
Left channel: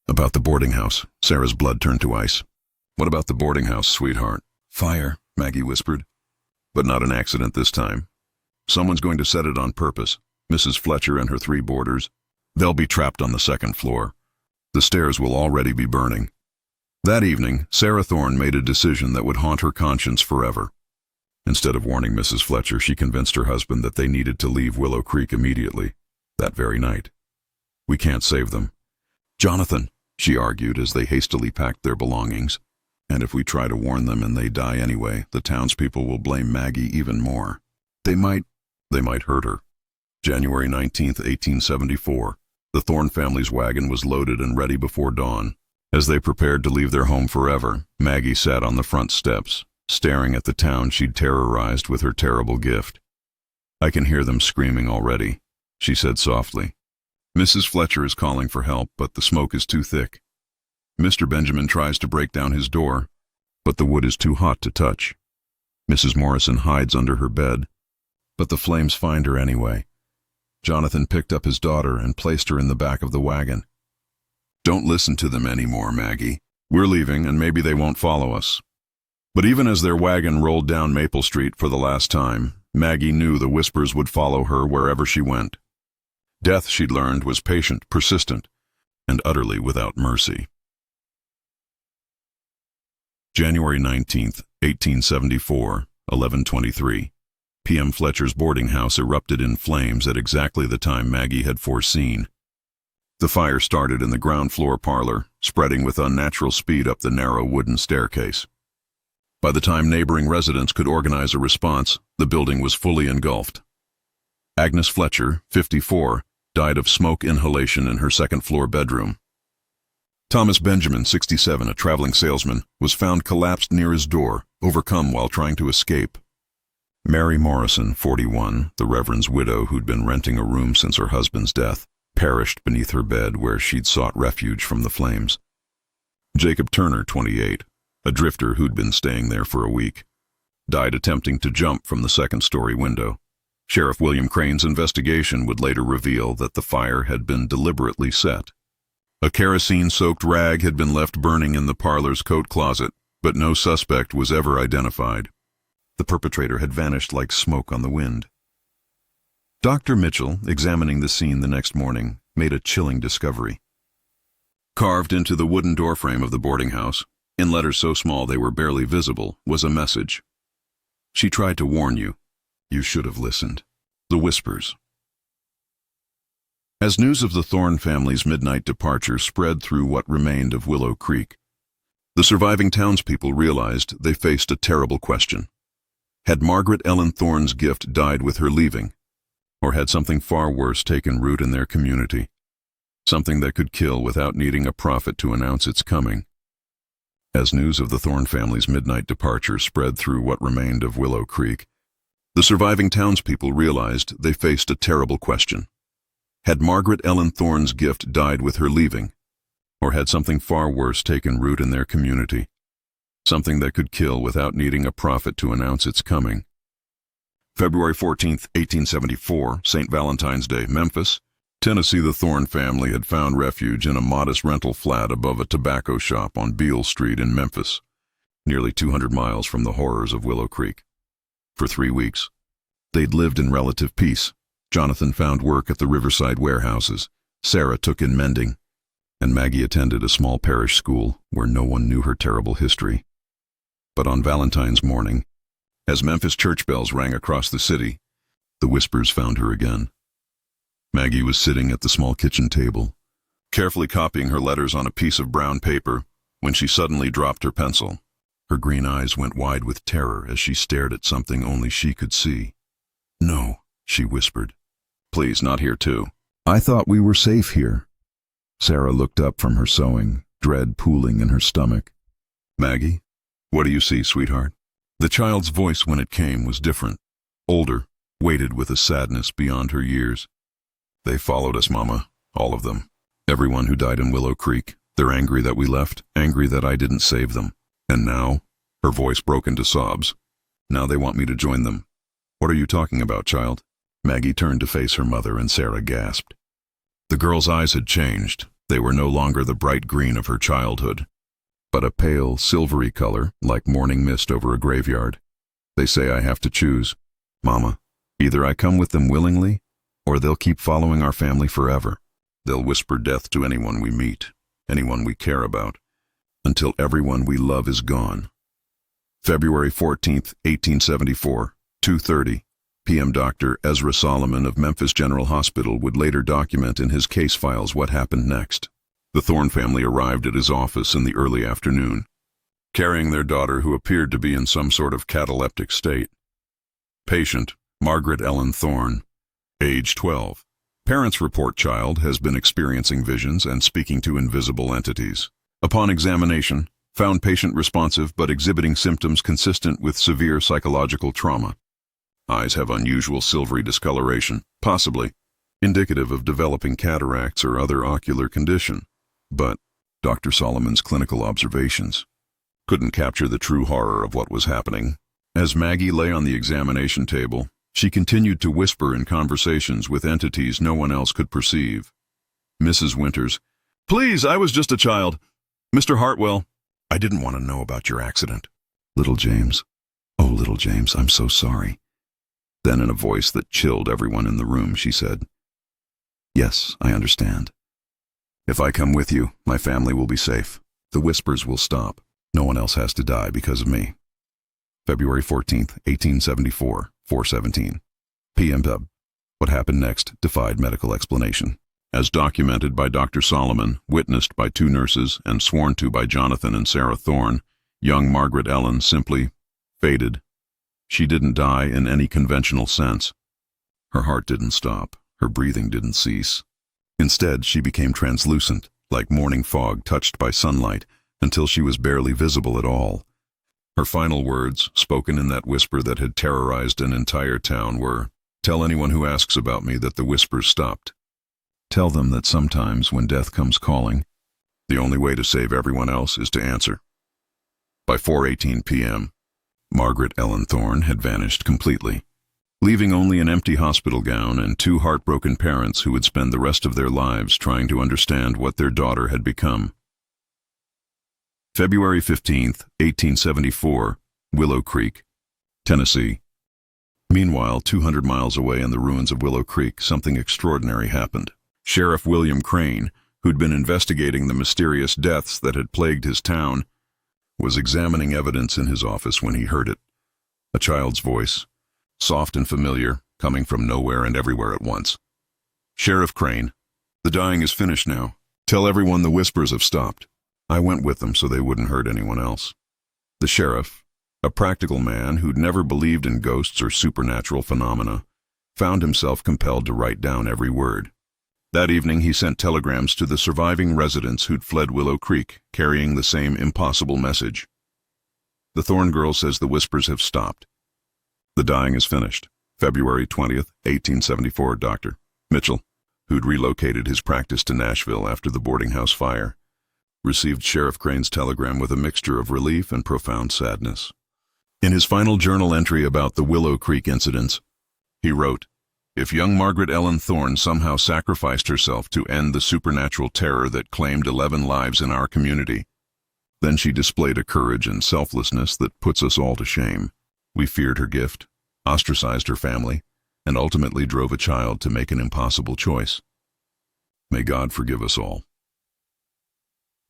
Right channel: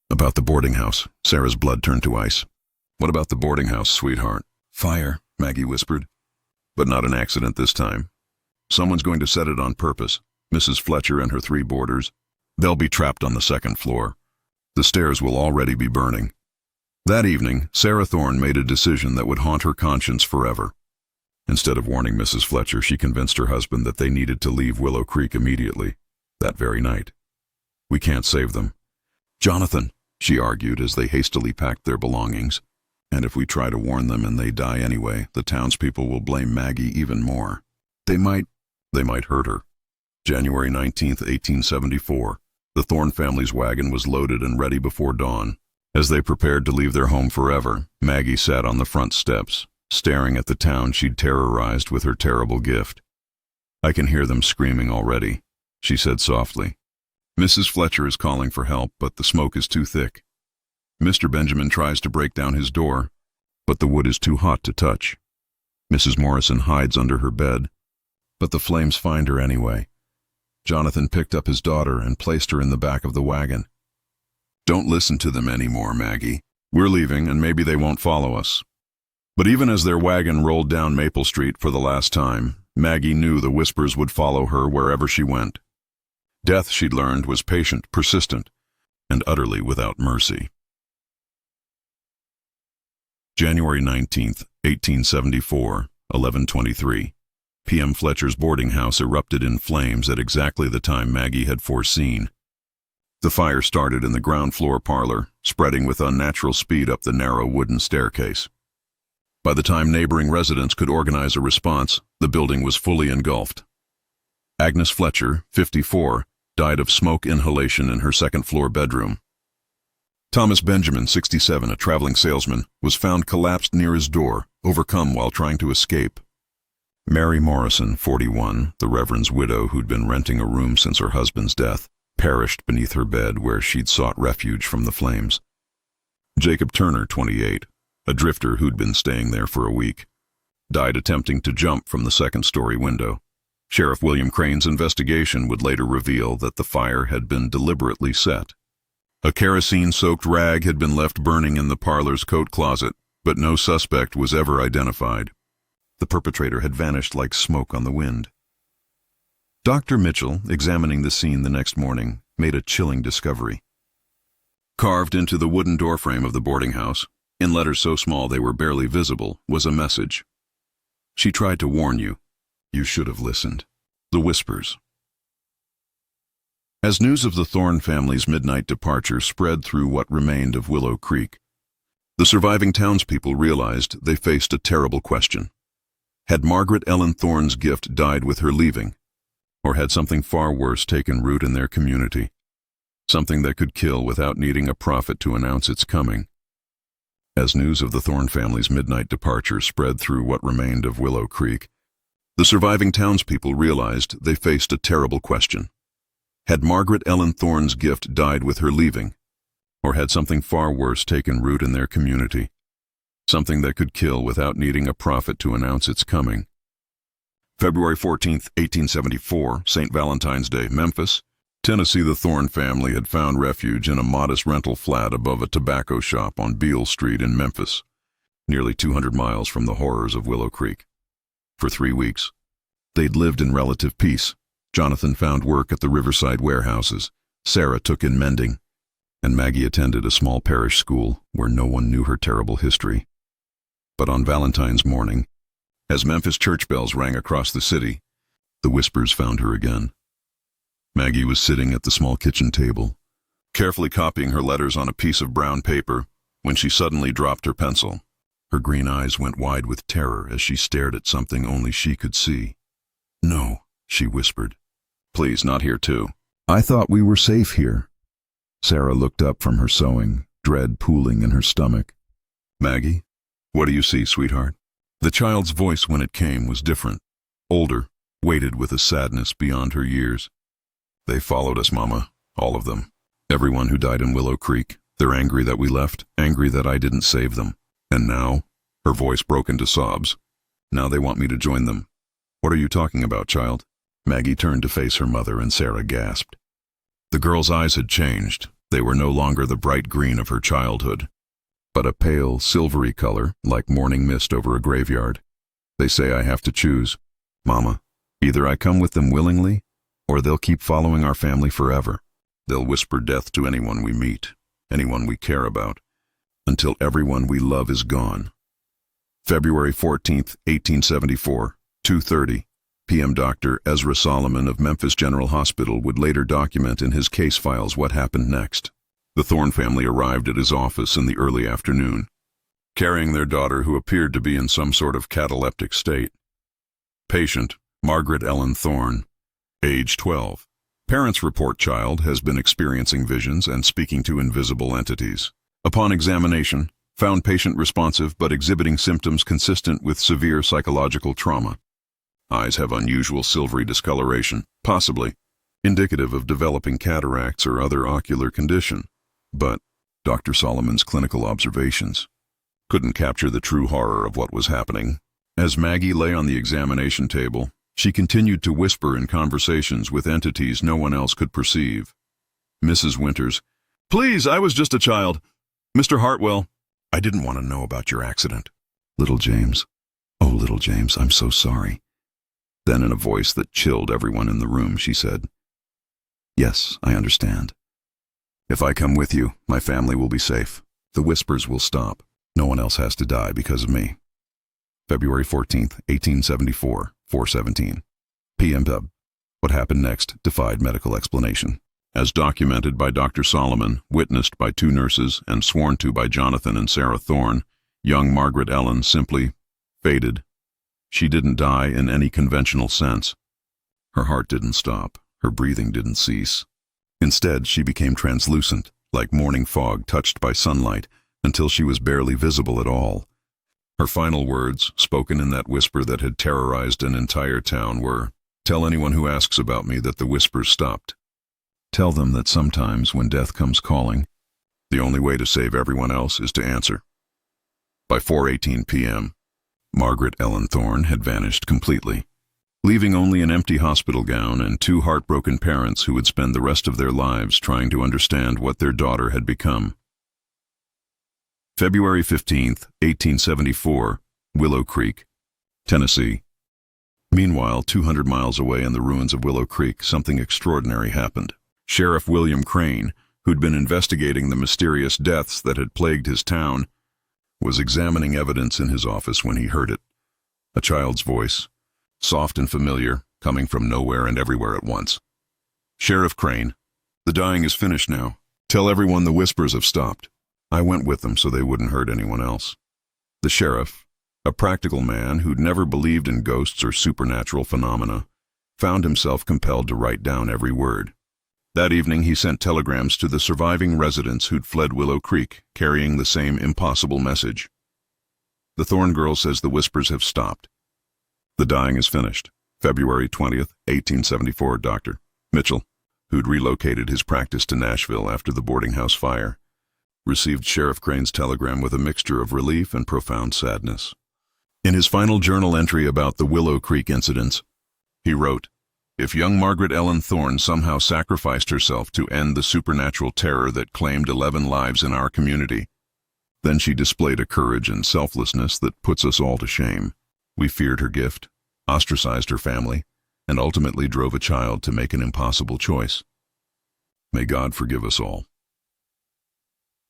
"About the boarding house." Sarah's blood turned to ice. "What about the boarding house, sweetheart?" "Fire," Maggie whispered. "But not an accident this time. Someone's going to set it on purpose. Mrs. Fletcher and her 3 boarders. They'll be trapped on the 2nd floor. The stairs will already be burning." That evening, Sarah Thorne made a decision that would haunt her conscience forever. Instead of warning Mrs. Fletcher, she convinced her husband that they needed to leave Willow Creek immediately, that very night. "We can't save them, Jonathan," she argued as they hastily packed their belongings. "And if we try to warn them and they die anyway, the townspeople will blame Maggie even more. They might hurt her." January 19, 1874. The Thorne family's wagon was loaded and ready before dawn. As they prepared to leave their home forever, Maggie sat on the front steps, staring at the town she'd terrorized with her terrible gift. "I can hear them screaming already," she said softly. "Mrs. Fletcher is calling for help, but the smoke is too thick. Mr. Benjamin tries to break down his door, but the wood is too hot to touch. Mrs. Morrison hides under her bed, but the flames find her anyway. Jonathan picked up his daughter and placed her in the back of the wagon. Don't listen to them anymore, Maggie. We're leaving and maybe they won't follow us." But even as their wagon rolled down Maple Street for the last time, Maggie knew the whispers would follow her wherever she went. Death, she learned, was patient, persistent, and utterly without mercy. January 19, 1874, 11:23 p.m. Fletcher's boarding house erupted in flames at exactly the time Maggie had foreseen. The fire started in the ground floor parlor, spreading with unnatural speed up the narrow wooden staircase. By the time neighboring residents could organize a response, the building was fully engulfed. Agnes Fletcher, 54, died of smoke inhalation in her second-floor bedroom. Thomas Benjamin, 67, a traveling salesman, was found collapsed near his door, overcome while trying to escape. Mary Morrison, 41, the Reverend's widow who'd been renting a room since her husband's death, perished beneath her bed where she'd sought refuge from the flames. Jacob Turner, 28, a drifter who'd been staying there for a week, died attempting to jump from the second-story window. Sheriff William Crane's investigation would later reveal that the fire had been deliberately set. A kerosene-soaked rag had been left burning in the parlor's coat closet, but no suspect was ever identified. The perpetrator had vanished like smoke on the wind. Dr. Mitchell, examining the scene the next morning, made a chilling discovery. Carved into the wooden doorframe of the boarding house, in letters so small they were barely visible, was a message. "She tried to warn you. You should have listened." The whispers. As news of the Thorne family's midnight departure spread through what remained of Willow Creek, the surviving townspeople realized they faced a terrible question. Had Margaret Ellen Thorne's gift died with her leaving? Or had something far worse taken root in their community? Something that could kill without needing a prophet to announce its coming. As news of the Thorne family's midnight departure spread through what remained of Willow Creek, the surviving townspeople realized they faced a terrible question. Had Margaret Ellen Thorne's gift died with her leaving? Or had something far worse taken root in their community? Something that could kill without needing a prophet to announce its coming. February 14, 1874, St. Valentine's Day, Memphis, Tennessee. The Thorne family had found refuge in a modest rental flat above a tobacco shop on Beale Street in Memphis, nearly 200 miles from the horrors of Willow Creek. For 3 weeks, they'd lived in relative peace. Jonathan found work at the Riverside warehouses, Sarah took in mending, and Maggie attended a small parish school where no one knew her terrible history. But on Valentine's morning, as Memphis church bells rang across the city, the whispers found her again. Maggie was sitting at the small kitchen table, carefully copying her letters on a piece of brown paper, when she suddenly dropped her pencil. Her green eyes went wide with terror as she stared at something only she could see. "No," she whispered. "Please, not here too. I thought we were safe here." Sarah looked up from her sewing, dread pooling in her stomach. "Maggie, what do you see, sweetheart?" The child's voice when it came was different, older, weighted with a sadness beyond her years. "They followed us, Mama, all of them. Everyone who died in Willow Creek. They're angry that we left, angry that I didn't save them. And now," her voice broke into sobs, "now they want me to join them." "What are you talking about, child?" Maggie turned to face her mother and Sarah gasped. The girl's eyes had changed. They were no longer the bright green of her childhood, but a pale, silvery color, like morning mist over a graveyard. "They say I have to choose, Mama. Either I come with them willingly, or they'll keep following our family forever. They'll whisper death to anyone we meet, anyone we care about, until everyone we love is gone." February 14, 1874, 2:30 p.m. Dr. Ezra Solomon of Memphis General Hospital would later document in his case files what happened next. The Thorne family arrived at his office in the early afternoon, carrying their daughter who appeared to be in some sort of cataleptic state. Patient, Margaret Ellen Thorne, age 12. Parents report child has been experiencing visions and speaking to invisible entities. Upon examination, found patient responsive but exhibiting symptoms consistent with severe psychological trauma. Eyes have unusual silvery discoloration, possibly indicative of developing cataracts or other ocular condition. But Dr. Solomon's clinical observations couldn't capture the true horror of what was happening. As Maggie lay on the examination table, she continued to whisper in conversations with entities no one else could perceive. "Mrs. Winters, please, I was just a child. Mr. Hartwell, I didn't want to know about your accident. Little James, oh, little James, I'm so sorry." Then in a voice that chilled everyone in the room, she said, "Yes, I understand. If I come with you, my family will be safe. The whispers will stop. No one else has to die because of me." February 14, 1874, 4:17 p.m. What happened next defied medical explanation. As documented by Dr. Solomon, witnessed by 2 nurses, and sworn to by Jonathan and Sarah Thorne, young Margaret Ellen simply faded. She didn't die in any conventional sense. Her heart didn't stop. Her breathing didn't cease. Instead, she became translucent, like morning fog touched by sunlight, until she was barely visible at all. Her final words, spoken in that whisper that had terrorized an entire town, were, "Tell anyone who asks about me that the whispers stopped. Tell them that sometimes when death comes calling, the only way to save everyone else is to answer." By 4:18 p.m., Margaret Ellen Thorne had vanished completely, leaving only an empty hospital gown and two heartbroken parents who would spend the rest of their lives trying to understand what their daughter had become. February 15, 1874, Willow Creek, Tennessee. Meanwhile, 200 miles away in the ruins of Willow Creek, something extraordinary happened. Sheriff William Crane, who'd been investigating the mysterious deaths that had plagued his town, was examining evidence in his office when he heard it. A child's voice, soft and familiar, coming from nowhere and everywhere at once. "Sheriff Crane, the dying is finished now. Tell everyone the whispers have stopped." I went with them so they wouldn't hurt anyone else. The sheriff, a practical man who'd never believed in ghosts or supernatural phenomena, found himself compelled to write down every word. That evening he sent telegrams to the surviving residents who'd fled Willow Creek, carrying the same impossible message. "The Thorne girl says the whispers have stopped. The dying is finished. February 20th, 1874, Dr. Mitchell, who'd relocated his practice to Nashville after the boarding house fire, received Sheriff Crane's telegram with a mixture of relief and profound sadness. In his final journal entry about the Willow Creek incidents, he wrote, "If young Margaret Ellen Thorne somehow sacrificed herself to end the supernatural terror that claimed 11 lives in our community, then she displayed a courage and selflessness that puts us all to shame. We feared her gift, ostracized her family, and ultimately drove a child to make an impossible choice. May God forgive us all."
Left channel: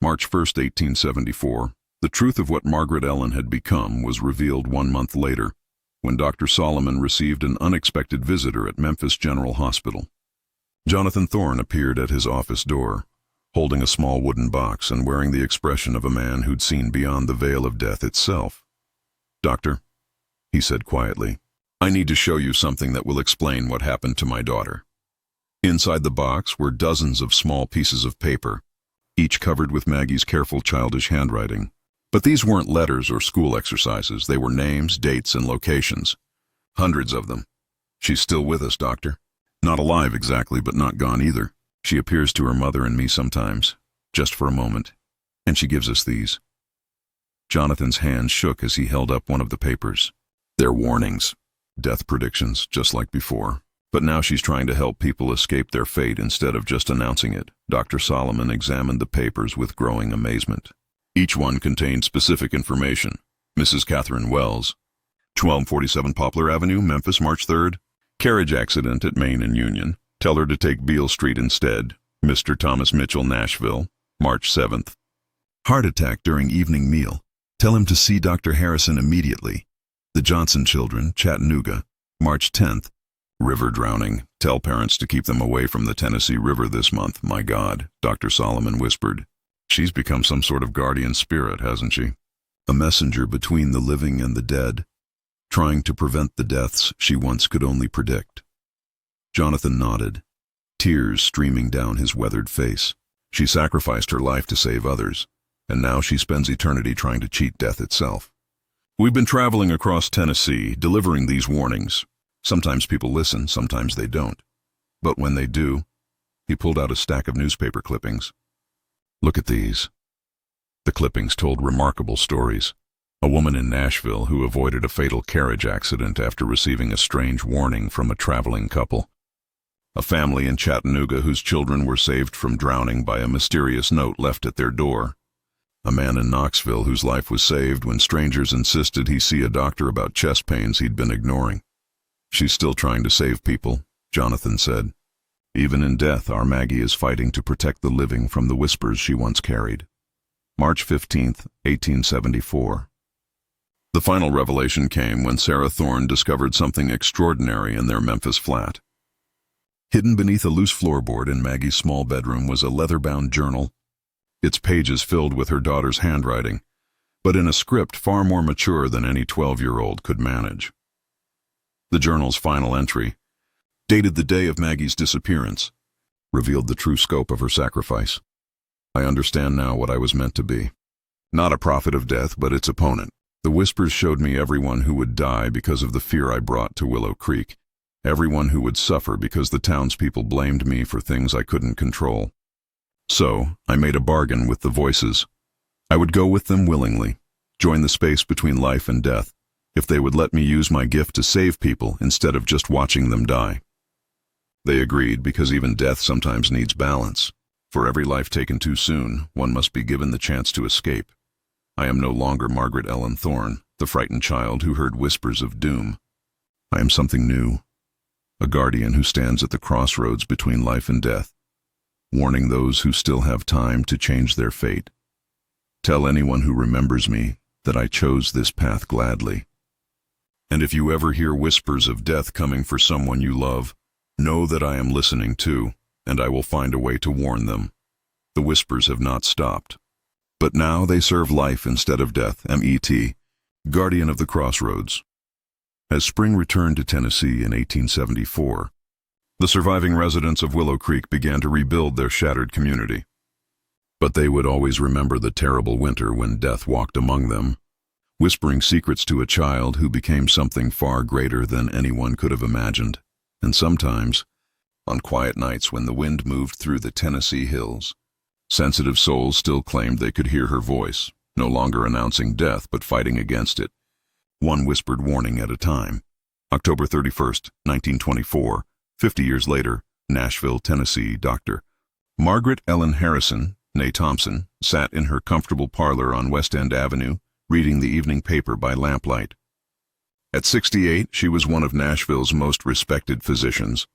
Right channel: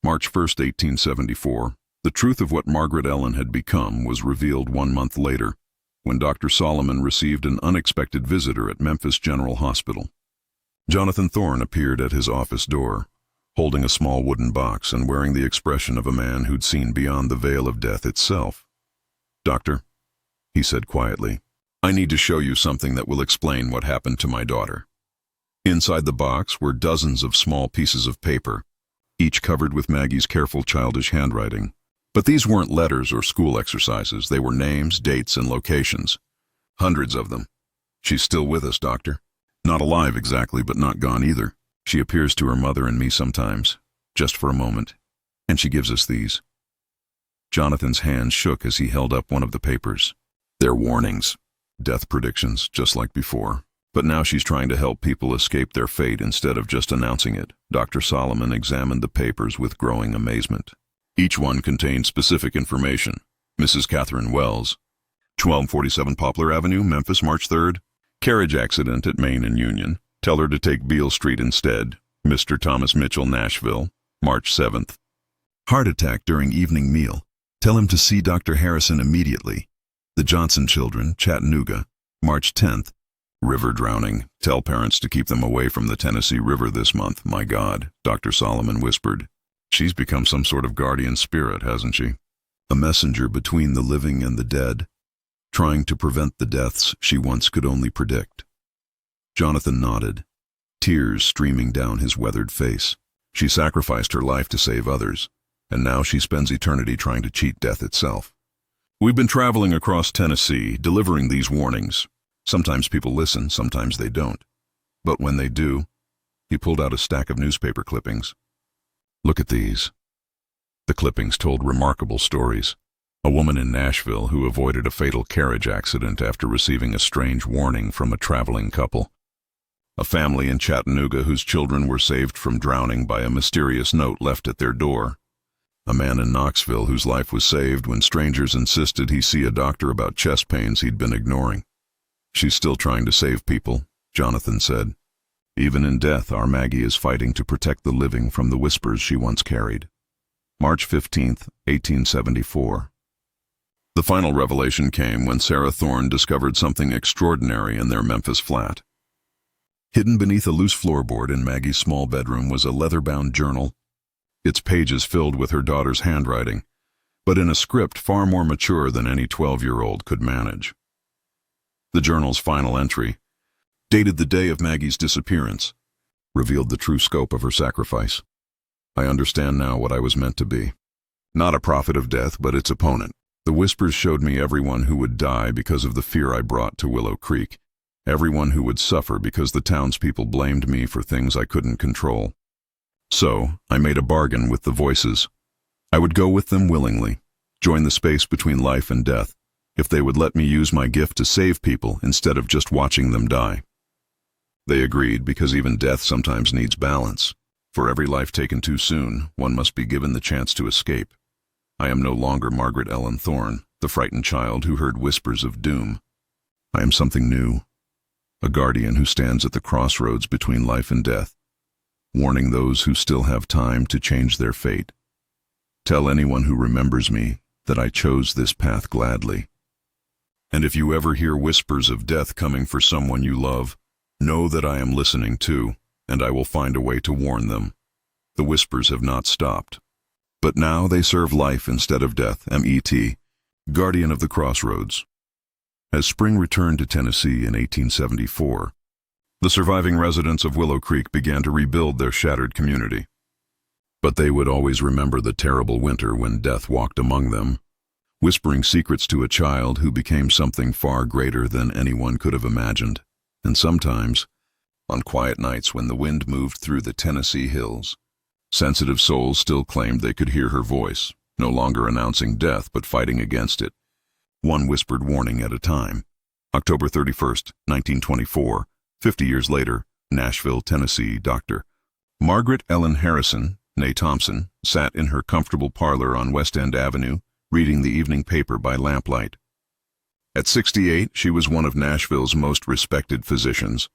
March 1st, 1874, the truth of what Margaret Ellen had become was revealed 1 month later, when Dr. Solomon received an unexpected visitor at Memphis General Hospital. Jonathan Thorne appeared at his office door, holding a small wooden box and wearing the expression of a man who'd seen beyond the veil of death itself. "Doctor," he said quietly, "I need to show you something that will explain what happened to my daughter." Inside the box were dozens of small pieces of paper, each covered with Maggie's careful childish handwriting. But these weren't letters or school exercises. They were names, dates, and locations. Hundreds of them. "She's still with us, Doctor. Not alive exactly, but not gone either. She appears to her mother and me sometimes, just for a moment. And she gives us these." Jonathan's hand shook as he held up one of the papers. "They're warnings. Death predictions, just like before. But now she's trying to help people escape their fate instead of just announcing it." Dr. Solomon examined the papers with growing amazement. Each one contained specific information. "Mrs. Catherine Wells, 1247 Poplar Avenue, Memphis, March 3rd. Carriage accident at Main and Union. Tell her to take Beale Street instead. Mr. Thomas Mitchell, Nashville, March 7th. Heart attack during evening meal. Tell him to see Dr. Harrison immediately. The Johnson children, Chattanooga, March 10th. River drowning. Tell parents to keep them away from the Tennessee River this month." "My God," Dr. Solomon whispered. "She's become some sort of guardian spirit, hasn't she? A messenger between the living and the dead, trying to prevent the deaths she once could only predict." Jonathan nodded, tears streaming down his weathered face. "She sacrificed her life to save others, and now she spends eternity trying to cheat death itself. We've been traveling across Tennessee, delivering these warnings. Sometimes people listen, sometimes they don't. But when they do," he pulled out a stack of newspaper clippings. "Look at these." The clippings told remarkable stories. A woman in Nashville who avoided a fatal carriage accident after receiving a strange warning from a traveling couple. A family in Chattanooga whose children were saved from drowning by a mysterious note left at their door. A man in Knoxville whose life was saved when strangers insisted he see a doctor about chest pains he'd been ignoring. "She's still trying to save people," Jonathan said. "Even in death, our Maggie is fighting to protect the living from the whispers she once carried." March 15th, 1874. The final revelation came when Sarah Thorne discovered something extraordinary in their Memphis flat. Hidden beneath a loose floorboard in Maggie's small bedroom was a leather-bound journal, its pages filled with her daughter's handwriting, but in a script far more mature than any 12-year-old could manage. The journal's final entry, dated the day of Maggie's disappearance, revealed the true scope of her sacrifice. "I understand now what I was meant to be. Not a prophet of death, but its opponent. The whispers showed me everyone who would die because of the fear I brought to Willow Creek, everyone who would suffer because the townspeople blamed me for things I couldn't control. So, I made a bargain with the voices. I would go with them willingly, join the space between life and death, if they would let me use my gift to save people instead of just watching them die. They agreed because even death sometimes needs balance. For every life taken too soon, one must be given the chance to escape. I am no longer Margaret Ellen Thorne, the frightened child who heard whispers of doom. I am something new, a guardian who stands at the crossroads between life and death, warning those who still have time to change their fate. Tell anyone who remembers me that I chose this path gladly. And if you ever hear whispers of death coming for someone you love, know that I am listening too, and I will find a way to warn them. The whispers have not stopped. But now they serve life instead of death. M.E.T., Guardian of the Crossroads. As spring returned to Tennessee in 1874, the surviving residents of Willow Creek began to rebuild their shattered community. But they would always remember the terrible winter when death walked among them, whispering secrets to a child who became something far greater than anyone could have imagined. And sometimes, on quiet nights when the wind moved through the Tennessee hills, sensitive souls still claimed they could hear her voice, no longer announcing death but fighting against it, one whispered warning at a time. October 31st, 1924, 50 years later, Nashville, Tennessee. Dr. Margaret Ellen Harrison, née Thompson, sat in her comfortable parlor on West End Avenue, reading the evening paper by lamplight. At 68, she was one of Nashville's most respected physicians,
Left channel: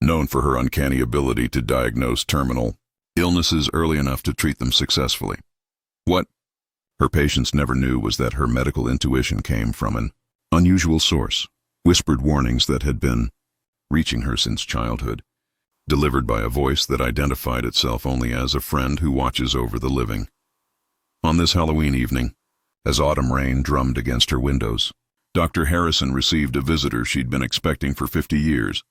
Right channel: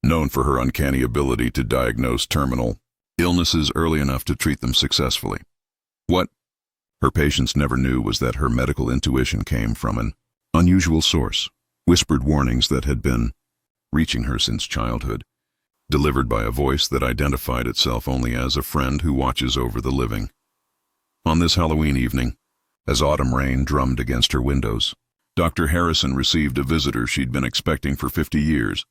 known for her uncanny ability to diagnose terminal illnesses early enough to treat them successfully. What her patients never knew was that her medical intuition came from an unusual source, whispered warnings that had been reaching her since childhood, delivered by a voice that identified itself only as a friend who watches over the living. On this Halloween evening, as autumn rain drummed against her windows, Dr. Harrison received a visitor she'd been expecting for 50 years.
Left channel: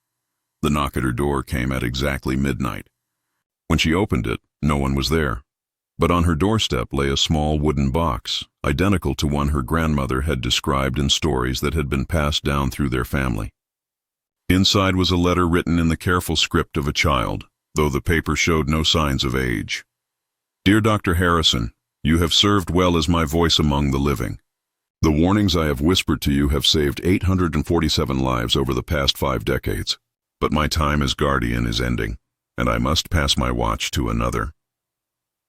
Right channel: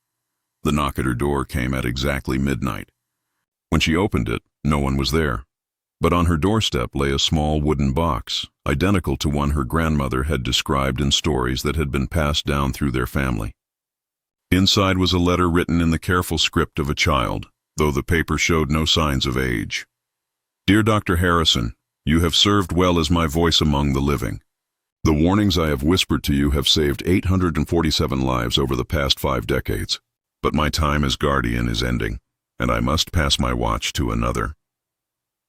The knock at her door came at exactly midnight. When she opened it, no one was there. But on her doorstep lay a small wooden box, identical to one her grandmother had described in stories that had been passed down through their family. Inside was a letter written in the careful script of a child, though the paper showed no signs of age. Dear Dr. Harrison, you have served well as my voice among the living. The warnings I have whispered to you have saved 847 lives over the past 5 decades. But my time as guardian is ending, and I must pass my watch to another.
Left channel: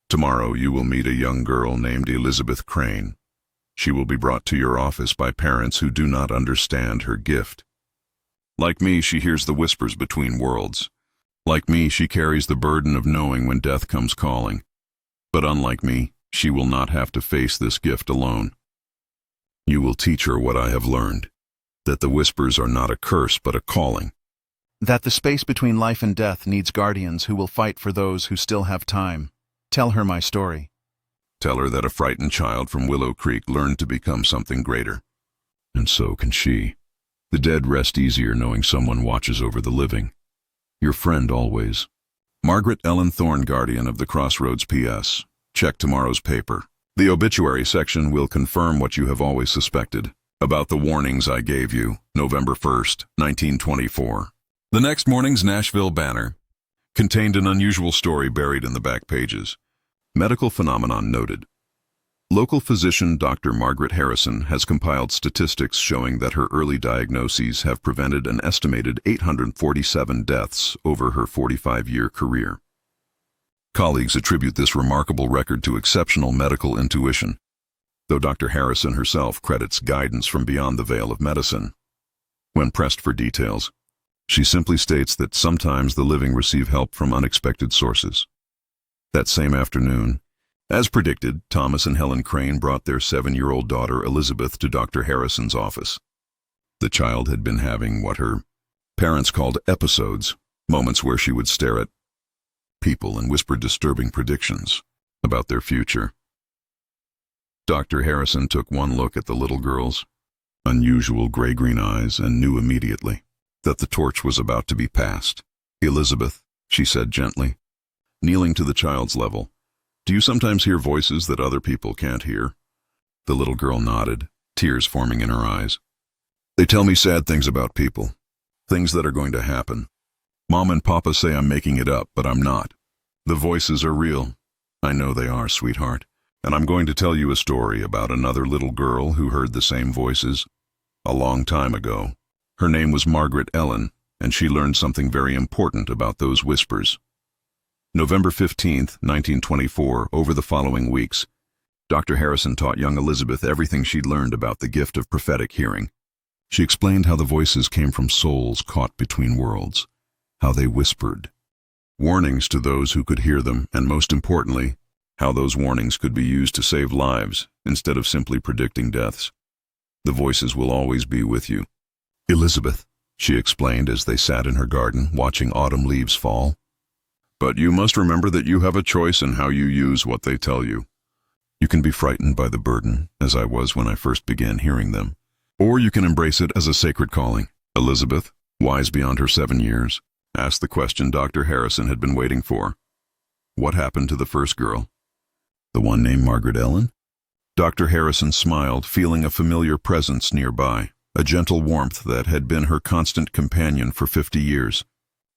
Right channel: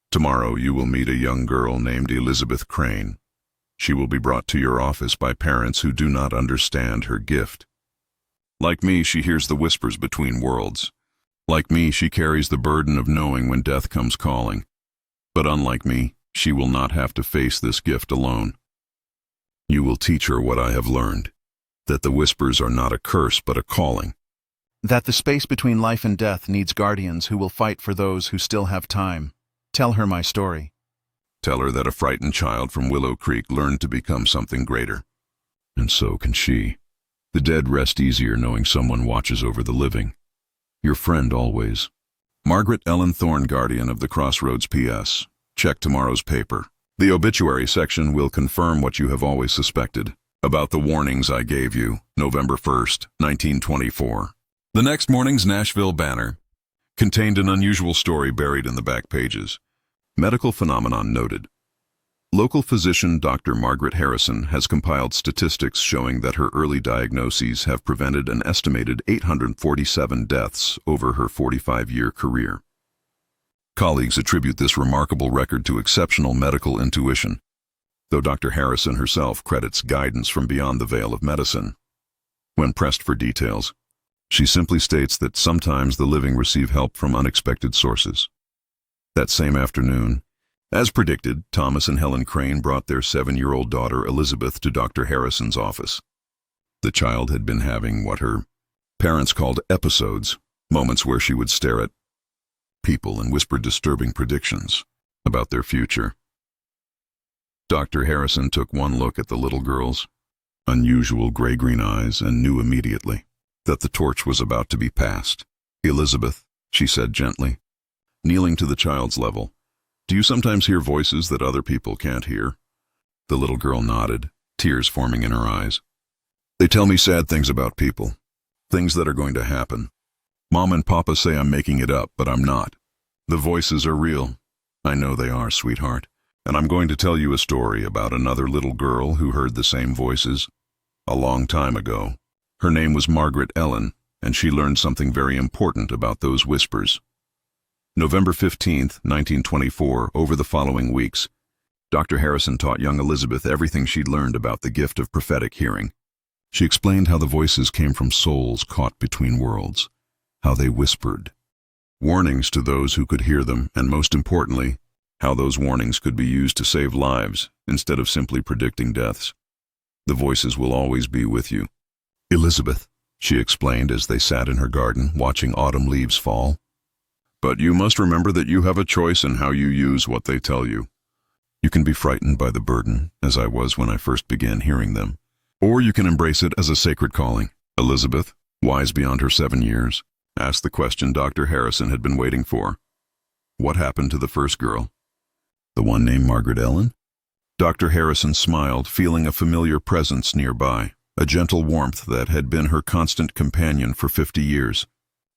Tomorrow you will meet a young girl named Elizabeth Crane. She will be brought to your office by parents who do not understand her gift. Like me, she hears the whispers between worlds. Like me, she carries the burden of knowing when death comes calling. But unlike me, she will not have to face this gift alone. You will teach her what I have learned, that the whispers are not a curse but a calling. That the space between life and death needs guardians who will fight for those who still have time. Tell her my story. Tell her that a frightened child from Willow Creek learned to become something greater. And so can she. The dead rest easier knowing someone watches over the living. Your friend always. Margaret Ellen Thorne, Guardian of the Crossroads. P.S. Check tomorrow's paper. The obituary section will confirm what you have always suspected about the warnings I gave you. November 1st, 1924. The next morning's Nashville Banner contained an unusual story buried in the back pages. Medical phenomenon noted. Local physician Dr. Margaret Harrison has compiled statistics showing that her early diagnoses have prevented an estimated 847 deaths over her 45-year career. Colleagues attribute this remarkable record to exceptional medical intuition, though Dr. Harrison herself credits guidance from beyond the veil of medicine. When pressed for details, she simply states that sometimes the living receive help from unexpected sources. That same afternoon, as predicted, Thomas and Helen Crane brought their 7-year-old daughter Elizabeth to Dr. Harrison's office. The child had been having what her parents called episodes, moments where she would stare at people and whisper disturbing predictions about their future. Dr. Harrison took one look at the little girl's unusual gray-green eyes and knew immediately that the torch was about to be passed. Elizabeth, she said gently, kneeling to the child's level, do you sometimes hear voices that other people can't hear? The little girl nodded, tears forming in her eyes. They tell me sad things about people, things that are going to happen. Mom and Papa say I'm making it up, but I'm not. The voices are real. I know they are, sweetheart. and I'm going to tell you a story about another little girl who heard the same voices a long time ago. Her name was Margaret Ellen, and she learned something very important about those whispers. November 15th, 1924, over the following weeks, Dr. Harrison taught young Elizabeth everything she'd learned about the gift of prophetic hearing. She explained how the voices came from souls caught between worlds, how they whispered warnings to those who could hear them, and most importantly, how those warnings could be used to save lives instead of simply predicting deaths. The voices will always be with you, Elizabeth, she explained as they sat in her garden watching autumn leaves fall. But you must remember that you have a choice in how you use what they tell you. You can be frightened by the burden, as I was when I first began hearing them, or you can embrace it as a sacred calling. Elizabeth, wise beyond her 7 years, asked the question Dr. Harrison had been waiting for. What happened to the first girl? The one named Margaret Ellen? Dr. Harrison smiled, feeling a familiar presence nearby, a gentle warmth that had been her constant companion for 50 years.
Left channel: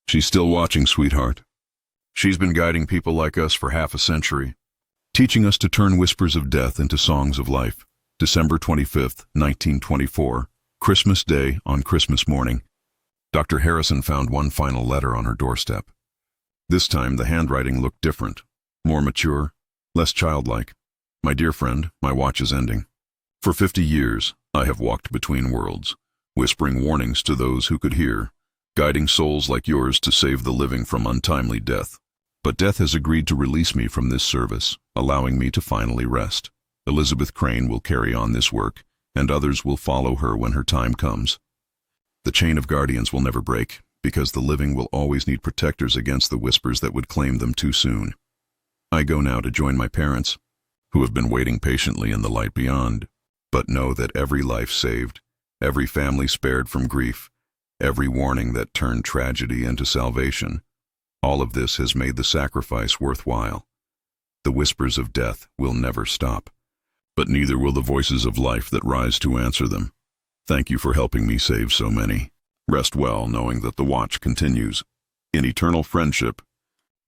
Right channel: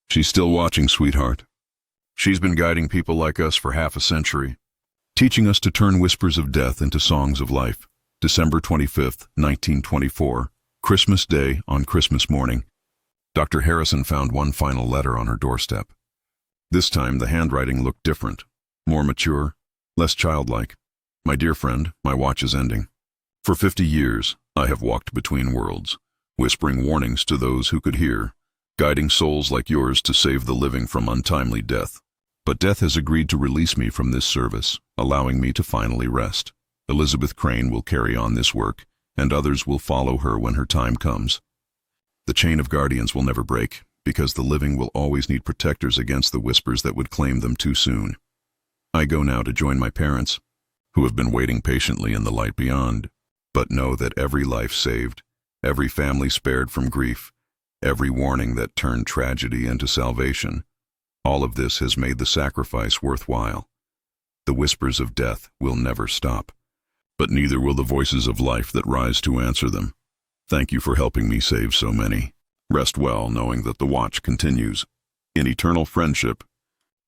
She's still watching, sweetheart. She's been guiding people like us for half a century, teaching us to turn whispers of death into songs of life. December 25th, 1924, Christmas Day. On Christmas morning, Dr. Harrison found one final letter on her doorstep. This time the handwriting looked different, more mature, less childlike. My dear friend, my watch is ending. For 50 years, I have walked between worlds, whispering warnings to those who could hear, guiding souls like yours to save the living from untimely death. But death has agreed to release me from this service, allowing me to finally rest. Elizabeth Crane will carry on this work, and others will follow her when her time comes. The chain of guardians will never break, because the living will always need protectors against the whispers that would claim them too soon. I go now to join my parents, who have been waiting patiently in the light beyond. But know that every life saved, every family spared from grief, every warning that turned tragedy into salvation, all of this has made the sacrifice worthwhile. The whispers of death will never stop, but neither will the voices of life that rise to answer them. Thank you for helping me save so many. Rest well knowing that the watch continues. In eternal friendship,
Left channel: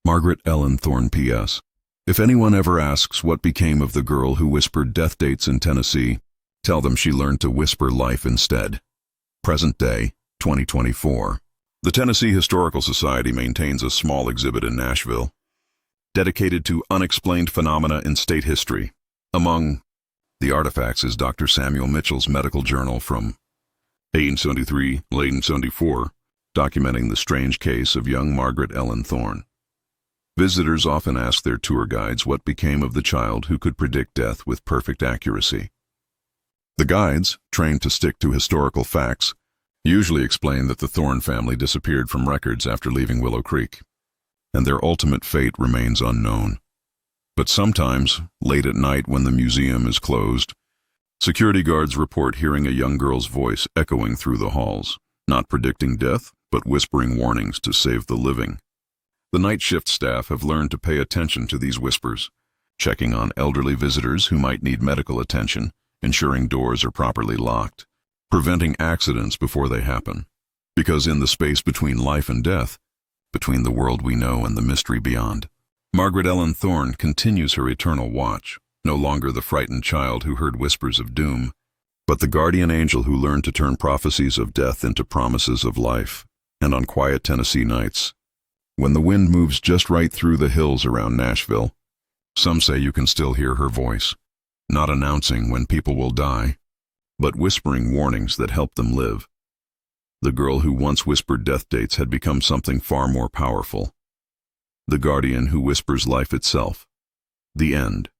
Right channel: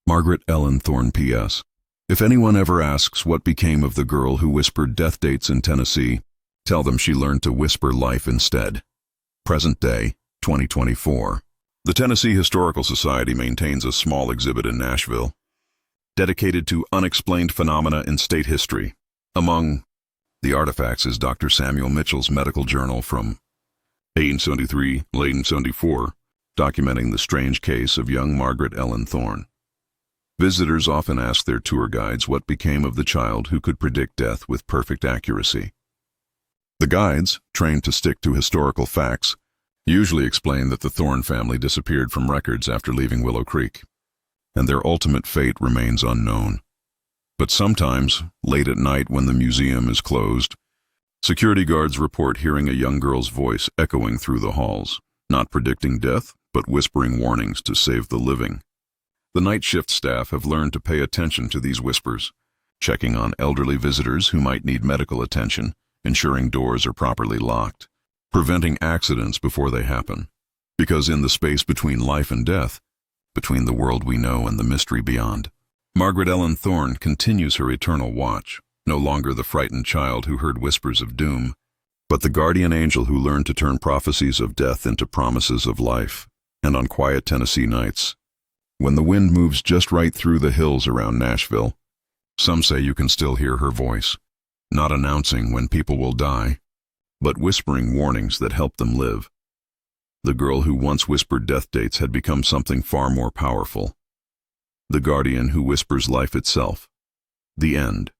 Margaret Ellen Thorne. P.S. If anyone ever asks what became of the girl who whispered death dates in Tennessee, tell them she learned to whisper life instead. Present day, 2024. The Tennessee Historical Society maintains a small exhibit in Nashville, dedicated to unexplained phenomena in state history. Among the artifacts is Dr. Samuel Mitchell's medical journal from 1873, late 1874, documenting the strange case of young Margaret Ellen Thorne. Visitors often ask their tour guides what became of the child who could predict death with perfect accuracy. The guides, trained to stick to historical facts, usually explain that the Thorne family disappeared from records after leaving Willow Creek, and their ultimate fate remains unknown. But sometimes, late at night when the museum is closed, security guards report hearing a young girl's voice echoing through the halls, not predicting death, but whispering warnings to save the living. The night shift staff have learned to pay attention to these whispers, checking on elderly visitors who might need medical attention, ensuring doors are properly locked, preventing accidents before they happen. Because in the space between life and death, between the world we know and the mystery beyond, Margaret Ellen Thorne continues her eternal watch, no longer the frightened child who heard whispers of doom, but the guardian angel who learned to turn prophecies of death into promises of life. And on quiet Tennessee nights, when the wind moves just right through the hills around Nashville, some say you can still hear her voice, not announcing when people will die, but whispering warnings that help them live. The girl who once whispered death dates had become something far more powerful. The guardian who whispers life itself. The end.